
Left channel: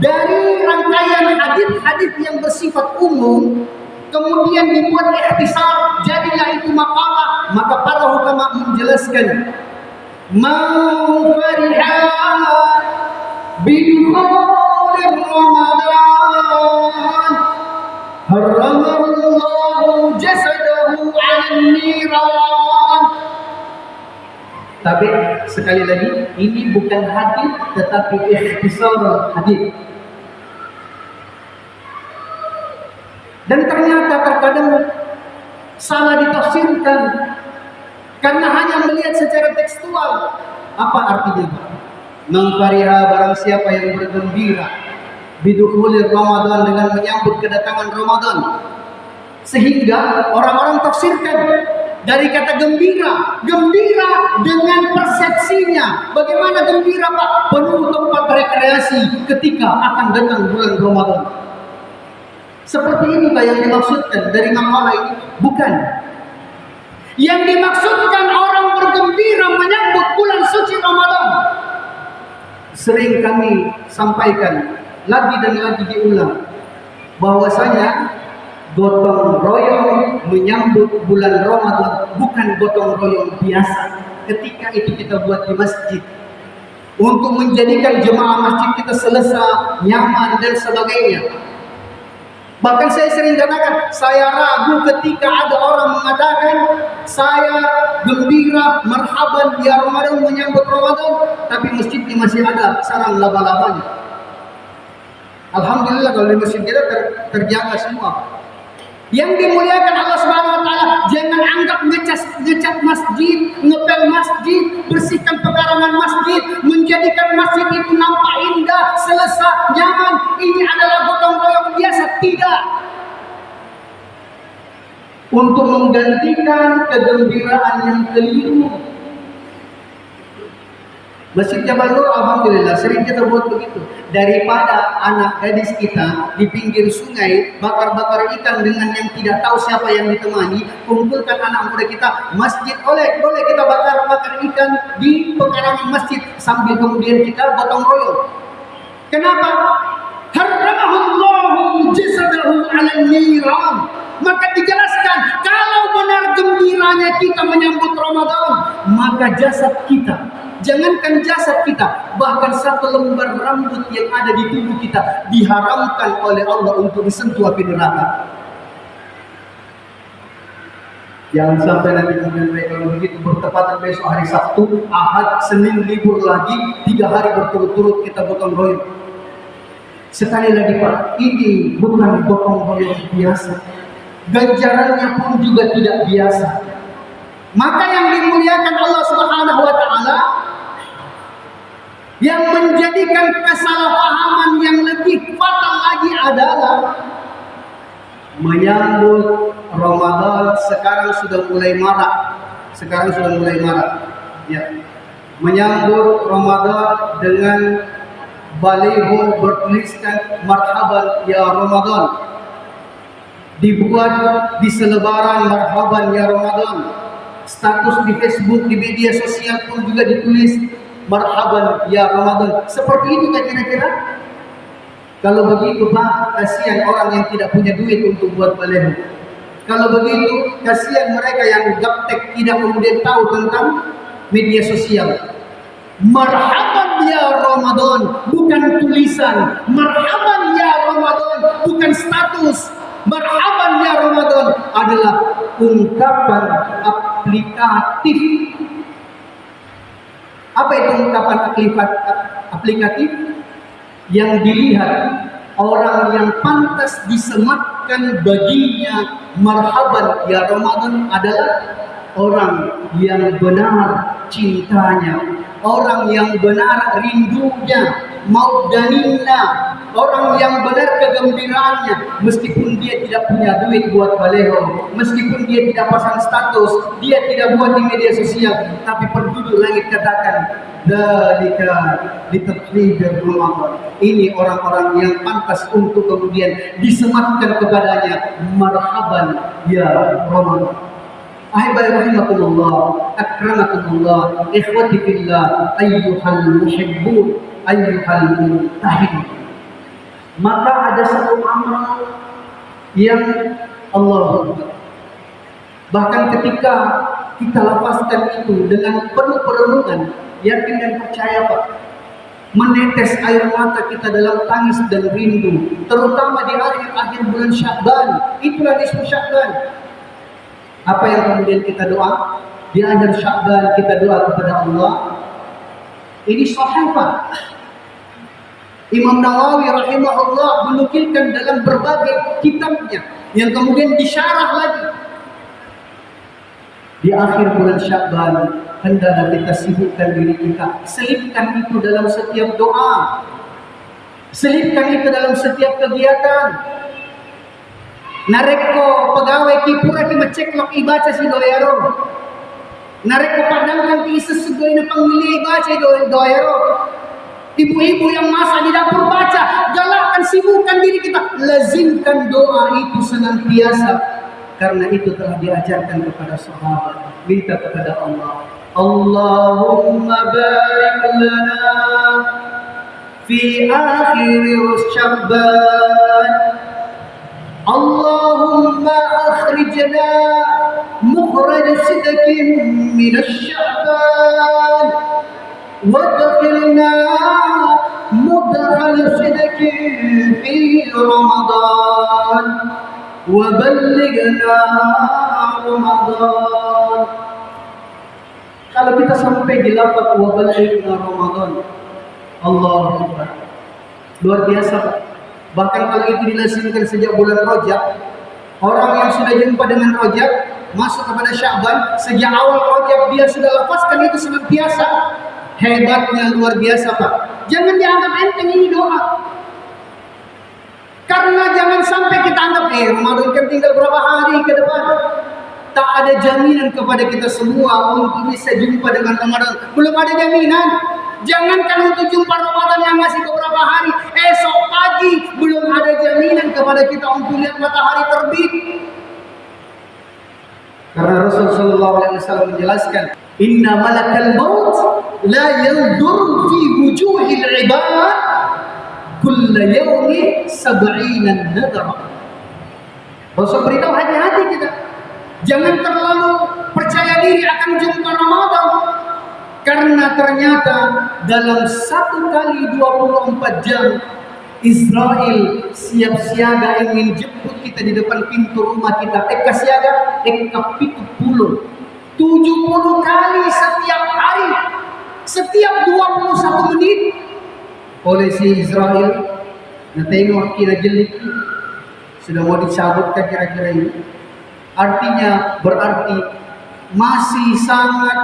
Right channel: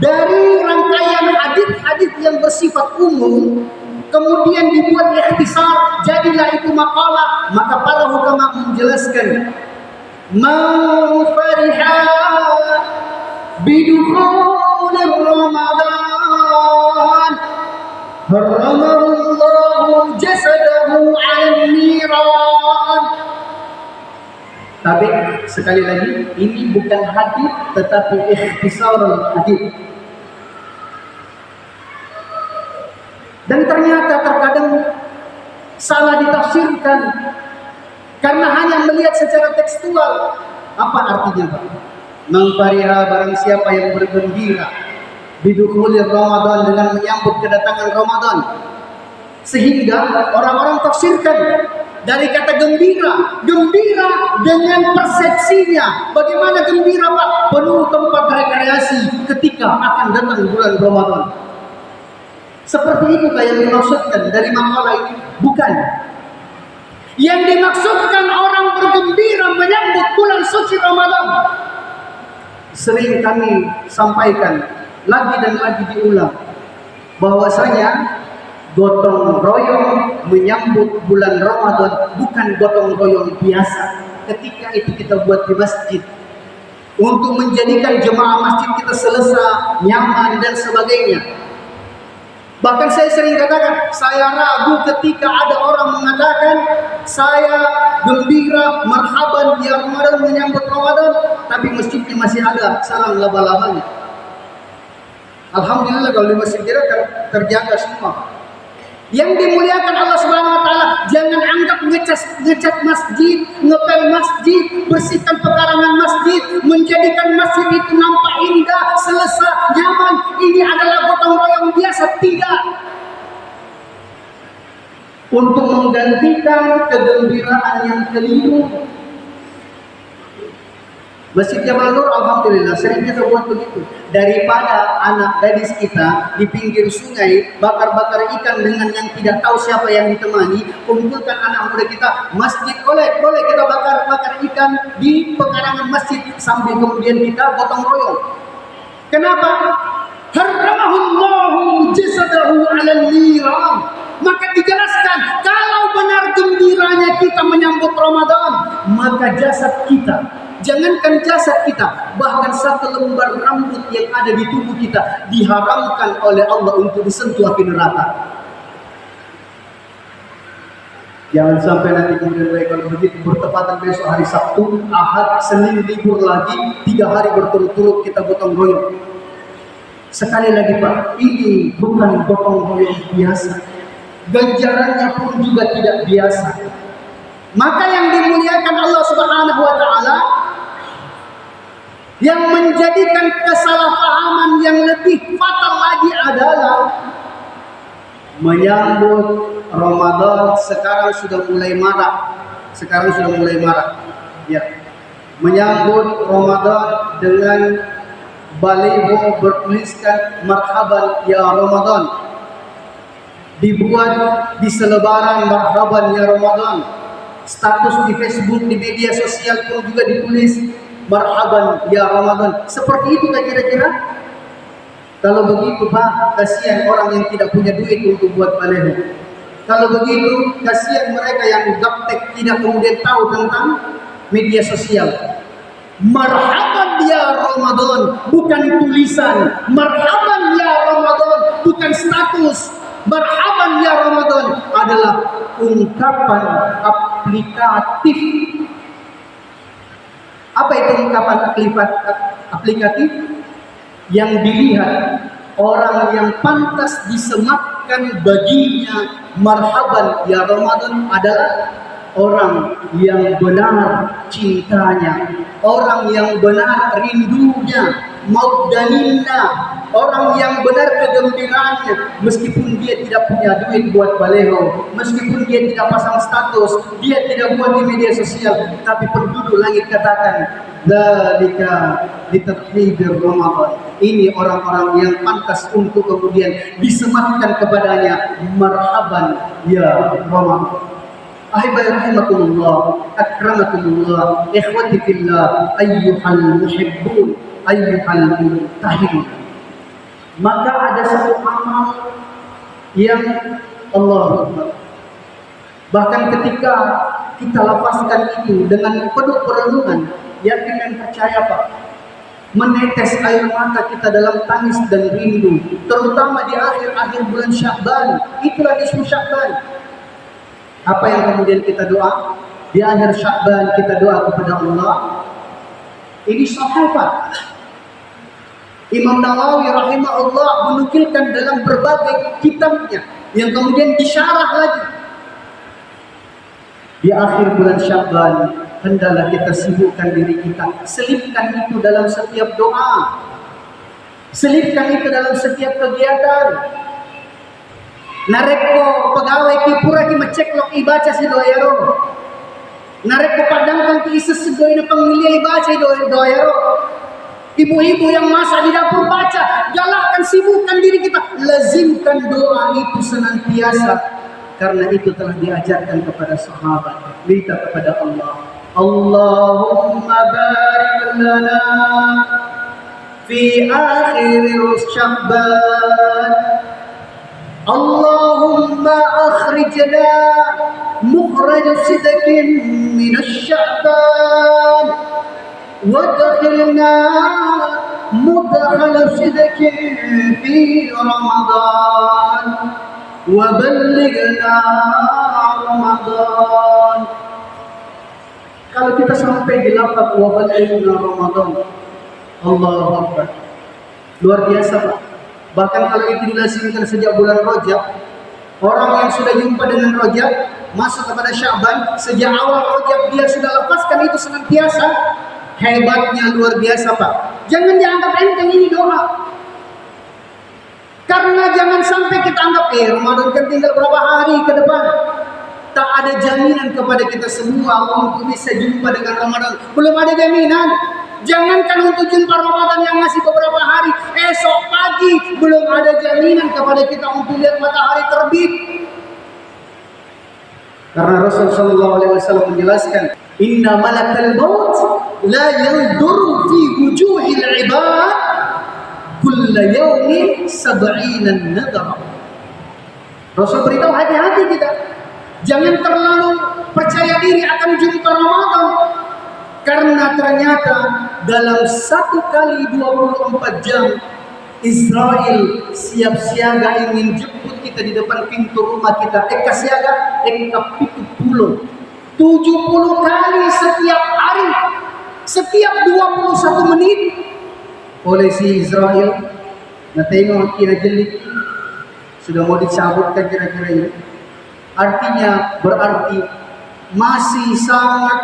Dari rangkaian hadis-hadis yang bersifat umum, kemudian dibuat ikhtisar, jadilah itu maqalah. Maka para ulama menjelaskan, man fariha bidukhul Ramadan harramallahu jasadahu 'alan niran. Tapi sekali lagi, ini bukan hadis tetapi ikhtisar hadis. Dan ternyata terkadang salah ditafsirkan karena hanya melihat secara tekstual. Apa artinya, Pak? Mengfariha, barang siapa yang bergembira bidukhulir Ramadan, dengan menyambut kedatangan Ramadan. Sehingga orang-orang tafsirkan dari kata gembira, gembira dengan persepsinya. Bagaimana gembira, Pak? Penuh tempat rekreasi ketika akan datang bulan Ramadan. Seperti itu yang dimaksudkan dari makalah ini? Bukan. Yang dimaksudkan orang bergembira menyambut bulan suci Ramadan. Sering kami sampaikan, lagi dan lagi diulang, bahwasanya Gotong royong menyambut bulan Ramadan, bukan gotong royong biasa. Ketika itu kita buat di masjid untuk menjadikan jemaah masjid kita selesa, nyaman dan sebagainya. Bahkan saya sering katakan, saya ragu ketika ada orang mengatakan saya gembira, marhaban ya Ramadan, menyambut Ramadan, tapi masjidnya masih ada sarang laba-labanya. Alhamdulillah kalau di masjid kita terjaga semua. Yang dimuliakan Allah Subhanahu wa taala, jangan anggap ngecat masjid, ngepel masjid, bersihkan pekarangan masjid, menjadikan masjid itu nampak indah, selesa, nyaman. Ini adalah gotong royong biasa, tidak. Untuk menggantikan kegembiraan yang keliru. Masjid Jabal Nur alhamdulillah sering kita buat begitu. Daripada anak gadis kita di pinggir sungai bakar-bakar ikan dengan yang tidak tahu siapa yang ditemani, kumpulkan anak muda kita, masjid boleh kita bakar-bakar ikan di pekarangan masjid sambil kemudian kita gotong royong. Kenapa? Harramahullahu jasadahu 'alal niran. Maka dijelaskan, kalau benar gembiranya kita menyambut Ramadan, maka jasad kita, jangankan jasad kita, bahkan satu lembar rambut yang ada di tubuh kita diharamkan oleh Allah untuk disentuh api neraka. Jangan sampai nanti kemudian kalau begitu bertepatan besok hari Sabtu, Ahad, Senin libur lagi, 3 hari berturut-turut kita gotong royong. Sekali lagi Pak, ini bukan gotong royong biasa. Ganjarannya pun juga tidak biasa. Maka yang dimuliakan Allah Subhanahu wa taala, yang menjadikan kesalahpahaman yang lebih fatal lagi adalah menyambut Ramadan sekarang sudah mulai marak. Ya. Menyambut Ramadan dengan baliho bertuliskan marhaban ya Ramadan. Dibuat di selebaran marhaban ya Ramadan. Status di Facebook, di media sosial pun juga ditulis marhaban ya Ramadan. Seperti itu tak kira-kira? Kalau begitu Pak, kasihan orang yang tidak punya duit untuk buat baliho. Kalau begitu, kasihan mereka yang gaptek tidak kemudian tahu tentang media sosial. Marhaban ya Ramadan bukan tulisan. Marhaban ya Ramadan bukan status. Marhaban ya Ramadan adalah ungkapan aplikatif. Apa itu ungkapan aplikatif? Yang dilihat orang yang pantas disematkan baginya marhaban ya Ramadan adalah orang yang benar cintanya, orang yang benar rindunya, maudaninna, orang yang benar kegembiraannya, meskipun dia tidak punya duit buat baleho, meskipun dia tidak pasang status, dia tidak buat di media sosial, tapi penduduk langit katakan dzalika litathidir Ramadan. Ini orang-orang yang pantas untuk kemudian disematkan kepadanya marhaban ya Ramadan. Ahibai rahimakumullah, akramakumullah, ikhwati fillah, ayyuhal muhibbun, ayyuhal muntahidun. Maka ada satu amal yang Allah bahkan ketika kita lafazkan itu dengan penuh perenungan, yakin dan percaya Pak, menetes air mata kita dalam tangis dan rindu, terutama di akhir-akhir bulan Sya'ban. Itulah nisfu Sya'ban. Apa yang kemudian kita doa di akhir Sya'ban, kita doa kepada Allah. Ini sahih Pak. Imam Nawawi rahimahullah menukilkan dalam berbagai kitabnya yang kemudian disyarah lagi. Di akhir bulan Sya'ban, hendaklah kita sibukkan diri kita, selipkan itu dalam setiap doa, selipkan itu dalam setiap kegiatan. Nareko pegawai kipura ki maceklok ibaca si doero. Nareko padangkan ki isa segoy na pangmilya ibaca doero. Ibu-ibu yang masak di dapur baca, galakkan sibukkan diri kita, lazimkan doa itu senantiasa, karena itu telah diajarkan kepada sahabat. Minta kepada Allah, Allahumma barik lana fi akhir Sya'ban. Allahumma akhrijna mukhraj sidqin min asy-sya'ban وادخلنا مدخل صدق في رمضان وبلغنا رمضان. Kalau kita sampai di lafaz wabaligna Ramadan, Allahu Akbar, luar biasa Pak. Bahkan kalau itu dilazimkan sejak bulan Rajab, orang yang sudah jumpa dengan Rajab masuk kepada Sya'ban, sejak awal Rajab dia sudah lafazkan itu senantiasa. Hebatnya luar biasa Pak. Jangan dianggap enteng ini doa. Karena jangan sampai kita anggap Ramadan kan tinggal berapa hari ke depan. Tak ada jaminan kepada kita semua untuk bisa jumpa dengan Ramadan. Belum ada jaminan. Jangankan untuk jumpa Ramadan yang masih beberapa hari, esok pagi belum ada jaminan kepada kita untuk lihat matahari terbit. Karena Rasulullah SAW menjelaskan, Inna malakal maut la yandur fi wujuhil ibad kulla yawmi sab'ina nadara. Rasul beritahu hati-hati kita. Jangan terlalu percaya diri akan jumpa Ramadan. Karena ternyata dalam 1 kali 24 jam Israel siap siaga ingin jemput kita di depan pintu rumah kita. Eka siaga, eka pitu puluh 70 kali setiap hari, setiap 21 menit oleh si Israel. Nah tengok kira jelik sudah mau dicabutkan kira-kira ini. Artinya berarti masih sangat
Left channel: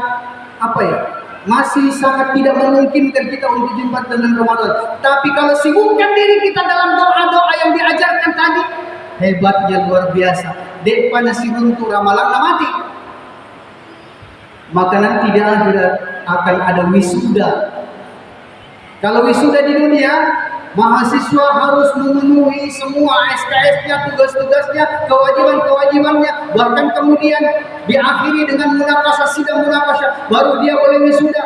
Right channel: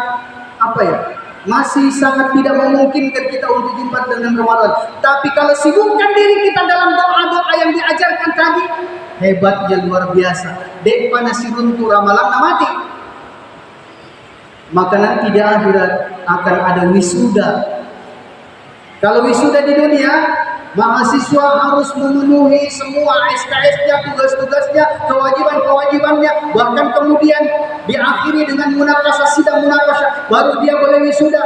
masih sangat tidak memungkinkan kita untuk jumpa dengan Ramadan. Tapi kalau sibukkan diri kita dalam doa-doa yang diajarkan tadi, hebatnya luar biasa. Dek panasi runtuh ramalan mati. Maka nanti di akhirat akan ada wisuda. Kalau wisuda di dunia, mahasiswa harus memenuhi semua SKS-nya, tugas-tugasnya, kewajiban-kewajibannya, bahkan kemudian diakhiri dengan munakasah, sidang munakasah, baru dia boleh wisuda.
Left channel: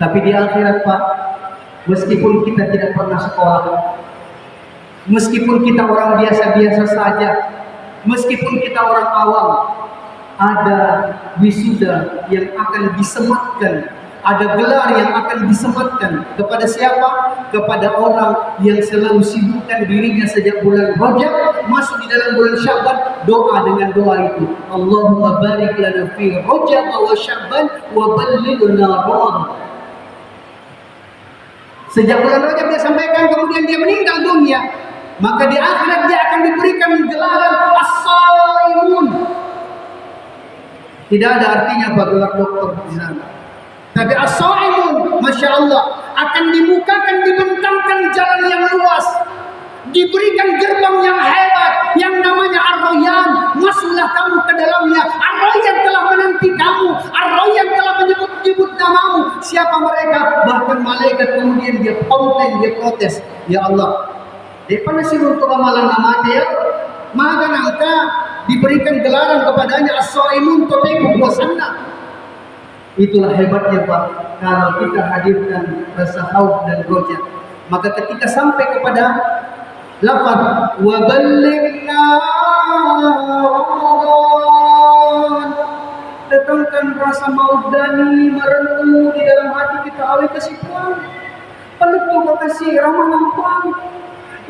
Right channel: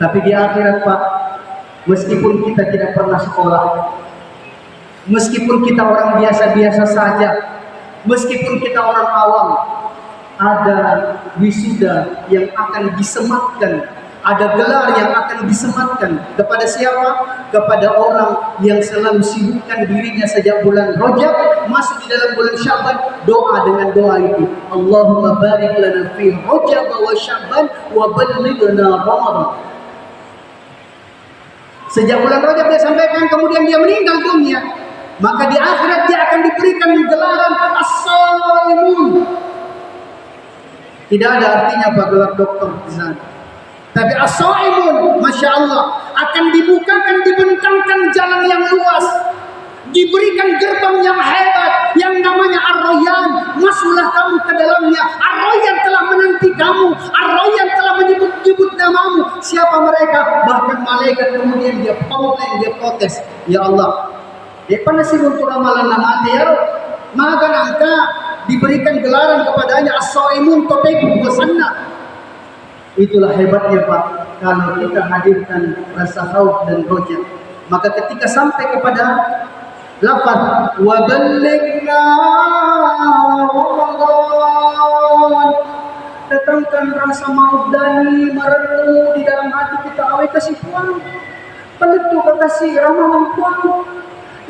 Tapi di akhirat Pak, meskipun kita tidak pernah sekolah, meskipun kita orang biasa-biasa saja, meskipun kita orang awam, ada wisuda yang akan disematkan. Ada gelar yang akan disematkan kepada siapa? Kepada orang yang selalu sibukkan dirinya sejak bulan Rajab masuk di dalam bulan Sya'ban, doa dengan doa itu. Allahumma barik lana fi Rajab wa Sya'ban wa ballighna Ramadan. Sejak bulan Rajab dia sampaikan, kemudian dia meninggal dunia, maka di akhirat dia akan diberikan gelaran as-saimun. Tidak ada artinya apa gelar dokter di sana. Tapi as-saimun, Masya Allah, akan dibukakan, dibentangkan jalan yang luas, diberikan gerbang yang hebat, yang namanya Ar-Rayyan. Masuklah kamu ke dalamnya. Ar-Rayyan telah menanti kamu. Ar-Rayyan telah menyebut-nyebut namamu. Siapa mereka? Bahkan malaikat kemudian dia komplain, dia protes. Ya Allah, dia panasi untuk ramalan nama dia. Maka angka diberikan gelaran kepadanya as-saimun toteku puasanna. Itulah hebatnya Pak, kalau kita hadirkan rasa khauf dan roja. Maka ketika sampai kepada lafaz wa ballighna Ramadan, datangkan rasa maudani merenung di dalam hati kita. Awe kasih puan, peletu kasih ramalan puan.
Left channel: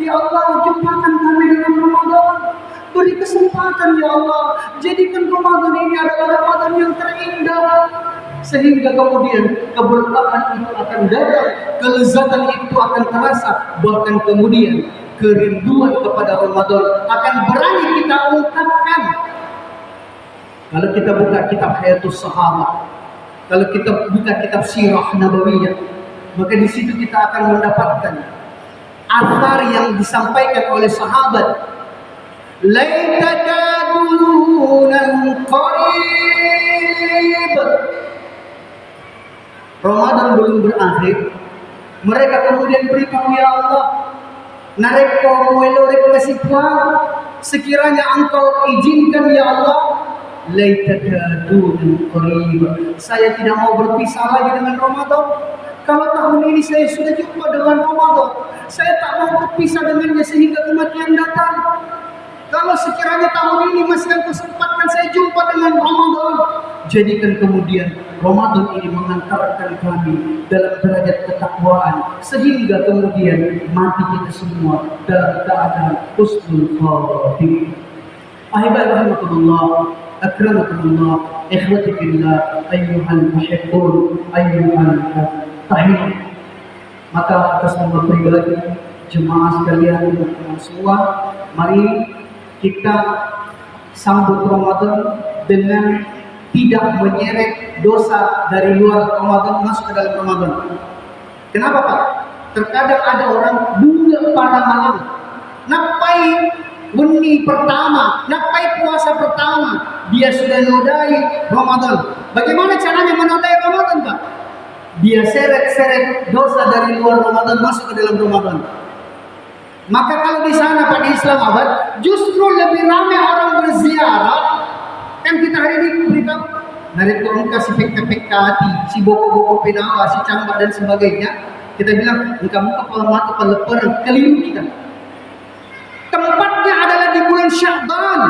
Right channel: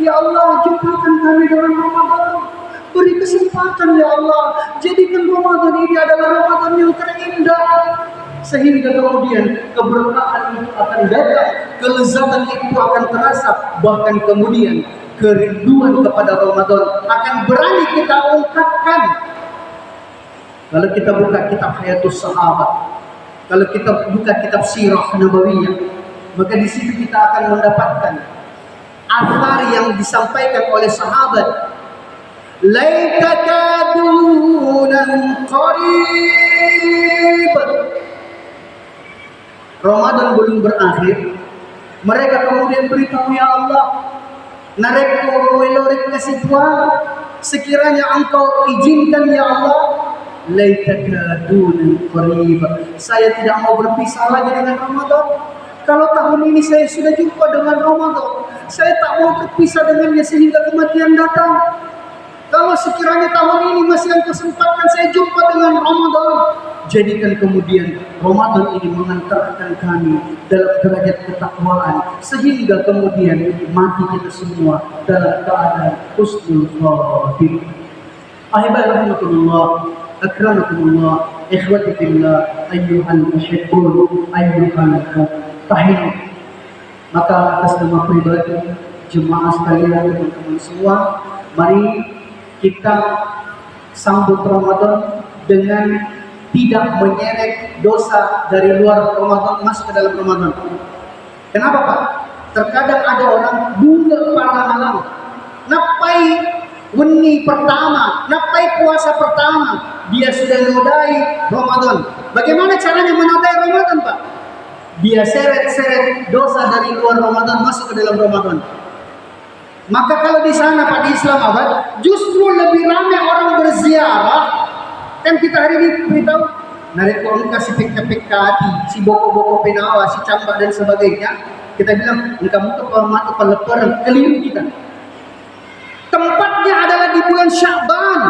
Ya Allah, jumpakan kami dalam Ramadan. Beri kesempatan ya Allah, jadikan Ramadan ini adalah Ramadan yang terindah. Sehingga kemudian keberkahan itu akan datang, kelezatan itu akan terasa, bahkan kemudian kerinduan kepada Ramadan akan berani kita ungkapkan. Kalau kita buka kitab Hayatus Sahabat, kalau kita buka kitab Sirah Nabawiyah, maka di situ kita akan mendapatkan athar yang disampaikan oleh sahabat. Laitaka dunan qarib, Ramadan belum berakhir, mereka kemudian beritahu, ya Allah, nareko muelorek kasih Tuhan, sekiranya Engkau izinkan ya Allah, laitaka dunan qarib, saya tidak mau berpisah lagi dengan Ramadan. Kalau tahun ini saya sudah jumpa dengan Ramadan, saya tak mau berpisah dengannya sehingga kematian datang. Kalau sekiranya tahun ini masih engkau sempatkan saya jumpa dengan Ramadan, jadikan kemudian Ramadan ini mengantarkan kami dalam derajat ketakwaan sehingga kemudian mati kita semua dalam keadaan husnul khatimah. Ahibai rahimakumullah, akramakumullah, ikhwati fillah, ayyuhal muhibbun, ayyuhal tahiyun. Maka atas nama pribadi jemaah sekalian, teman-teman semua, mari kita sambut Ramadan dengan tidak menyeret dosa dari luar Ramadan masuk ke dalam Ramadan. Kenapa Pak? Terkadang ada orang bunga pada malam, napai weni pertama, napai puasa pertama, dia sudah nodai Ramadan. Bagaimana caranya menodai Ramadan Pak? Dia seret-seret dosa dari luar Ramadan masuk ke dalam Ramadan. Maka kalau di sana Pak, di Islamabad justru lebih ramai orang berziarah. Kan kita hari ini beritahu narik orang kasih peka-peka hati, si boko-boko penawa, si cambak dan sebagainya. Kita bilang kamu kepala mata peleparan keliru kita. Tempatnya adalah di bulan Sya'ban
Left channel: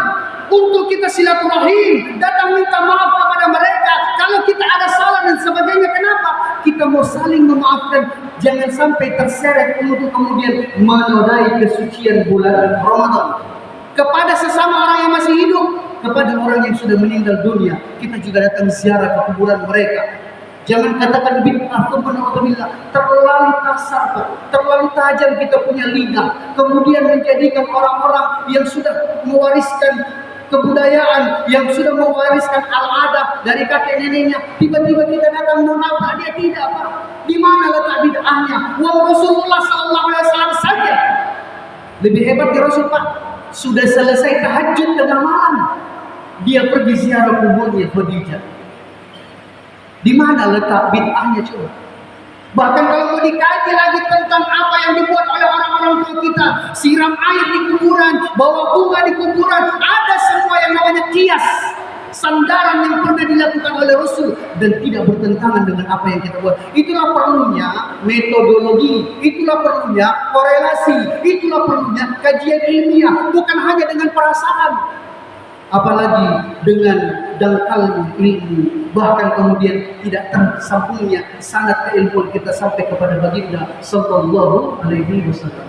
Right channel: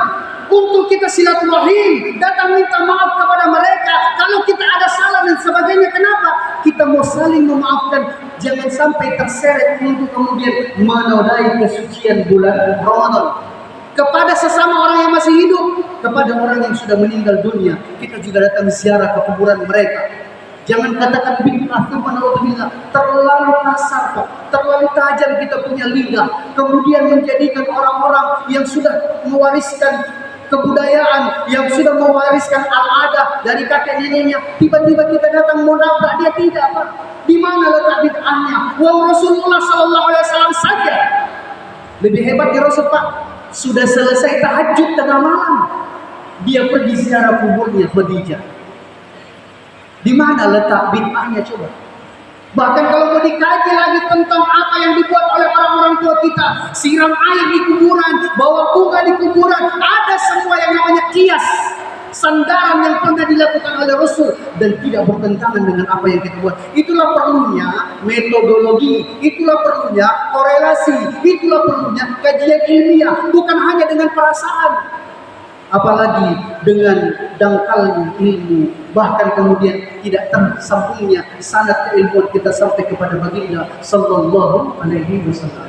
untuk kita silaturahim, datang minta maaf kepada mereka. Kalau kita ada salah dan sebagainya, kenapa? Kita mau saling memaafkan. Jangan sampai terseret untuk kemudian menodai kesucian bulan Ramadan. Kepada sesama orang yang masih hidup, kepada orang yang sudah meninggal dunia, kita juga datang ziarah ke kuburan mereka. Jangan katakan bid'ah, terlalu kasar Pak, terlalu tajam kita punya lidah, kemudian menjadikan orang-orang yang sudah mewariskan kebudayaan, yang sudah mewariskan al-adah dari kakek neneknya, tiba-tiba kita datang mau nabrak dia, tidak Pak. Di mana letak bid'ahnya? Wong Rasulullah sallallahu alaihi wasallam saja lebih hebat di Rasul Pak. Sudah selesai tahajud tengah malam, dia pergi ziarah kuburnya Khadijah. Di mana letak bid'ahnya coba? Bahkan kalau mau dikaji lagi tentang apa yang dibuat oleh orang-orang tua kita, siram air di kuburan, bawa bunga di kuburan, ada semua yang namanya kias, sandaran yang pernah dilakukan oleh Rasul dan tidak bertentangan dengan apa yang kita buat. Itulah perlunya metodologi, itulah perlunya korelasi, itulah perlunya kajian ilmiah, bukan hanya dengan perasaan, apalagi dengan dangkalnya ilmu, bahkan kemudian tidak tersambungnya sanad keilmuan kita sampai kepada baginda sallallahu alaihi wasallam.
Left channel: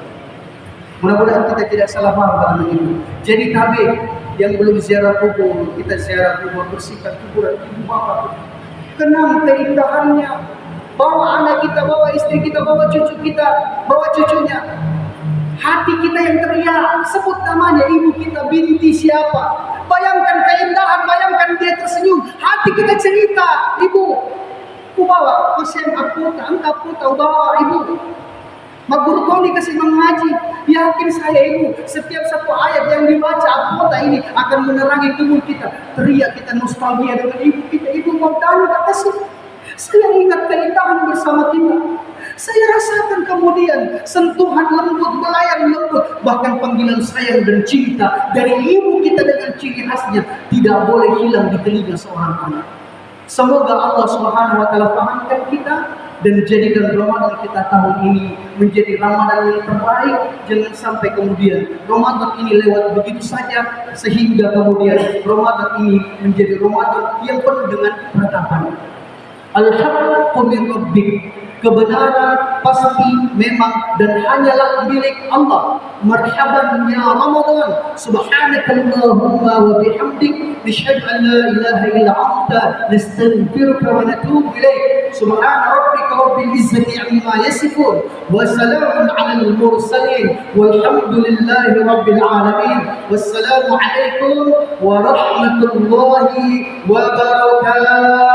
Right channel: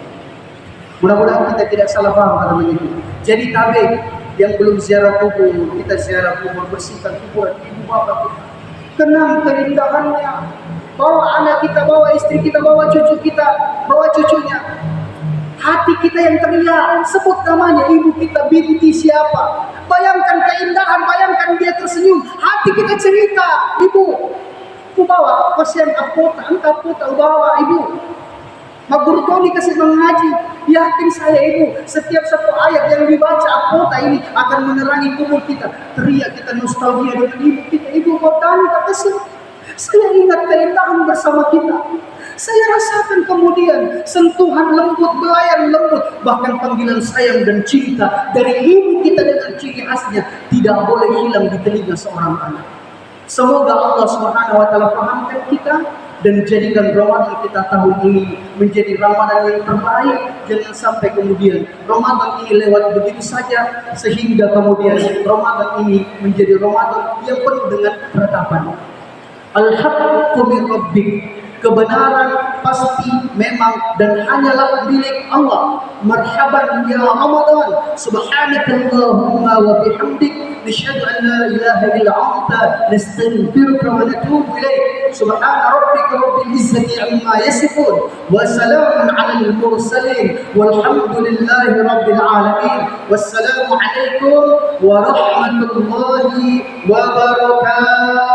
Mudah-mudahan kita tidak salah paham dalam itu. Jadi tabik yang belum ziarah kubur, kita ziarah kubur, bersihkan kuburan ibu bapak, kenang keindahannya, bawa anak kita, bawa istri kita, bawa cucu kita, bawa cucunya. Hati kita yang teriak, sebut namanya ibu kita, binti siapa. Bayangkan keindahan, bayangkan dia tersenyum. Hati kita cerita, ibu, ku bawa pasien apota, engkau apota, bawa ibu. Maguru kau dikasih mengaji, yakin saya ibu, setiap satu ayat yang dibaca apota ini akan menerangi tubuh kita. Teriak kita nostalgia dengan ibu kita, ibu mau tanya tak kasih. Saya ingat keindahan bersama kita. Saya rasakan kemudian sentuhan lembut, belayan lembut, bahkan panggilan sayang dan cinta dari ibu kita dengan ciri khasnya tidak boleh hilang di telinga seorang anak. Semoga Allah Subhanahu wa taala pahamkan kita dan jadikan Ramadan kita tahun ini menjadi Ramadan yang terbaik. Jangan sampai kemudian Ramadan ini lewat begitu saja sehingga kemudian Ramadan ini menjadi Ramadan yang penuh dengan peradaban. Al-haqqu min rabbik. Kebenaran pasti memang dan hanyalah milik Allah. Marhaban ya Ramadan, subhanakallahumma wa bihamdik, nashhadu an la ilaha illa anta, nastaghfiruka wa natubu ilaik. Subhana rabbika rabbil izzati amma yasifun, wa salamun 'alal mursalin, walhamdulillahi rabbil alamin. Wassalamu alaikum warahmatullahi wabarakatuh.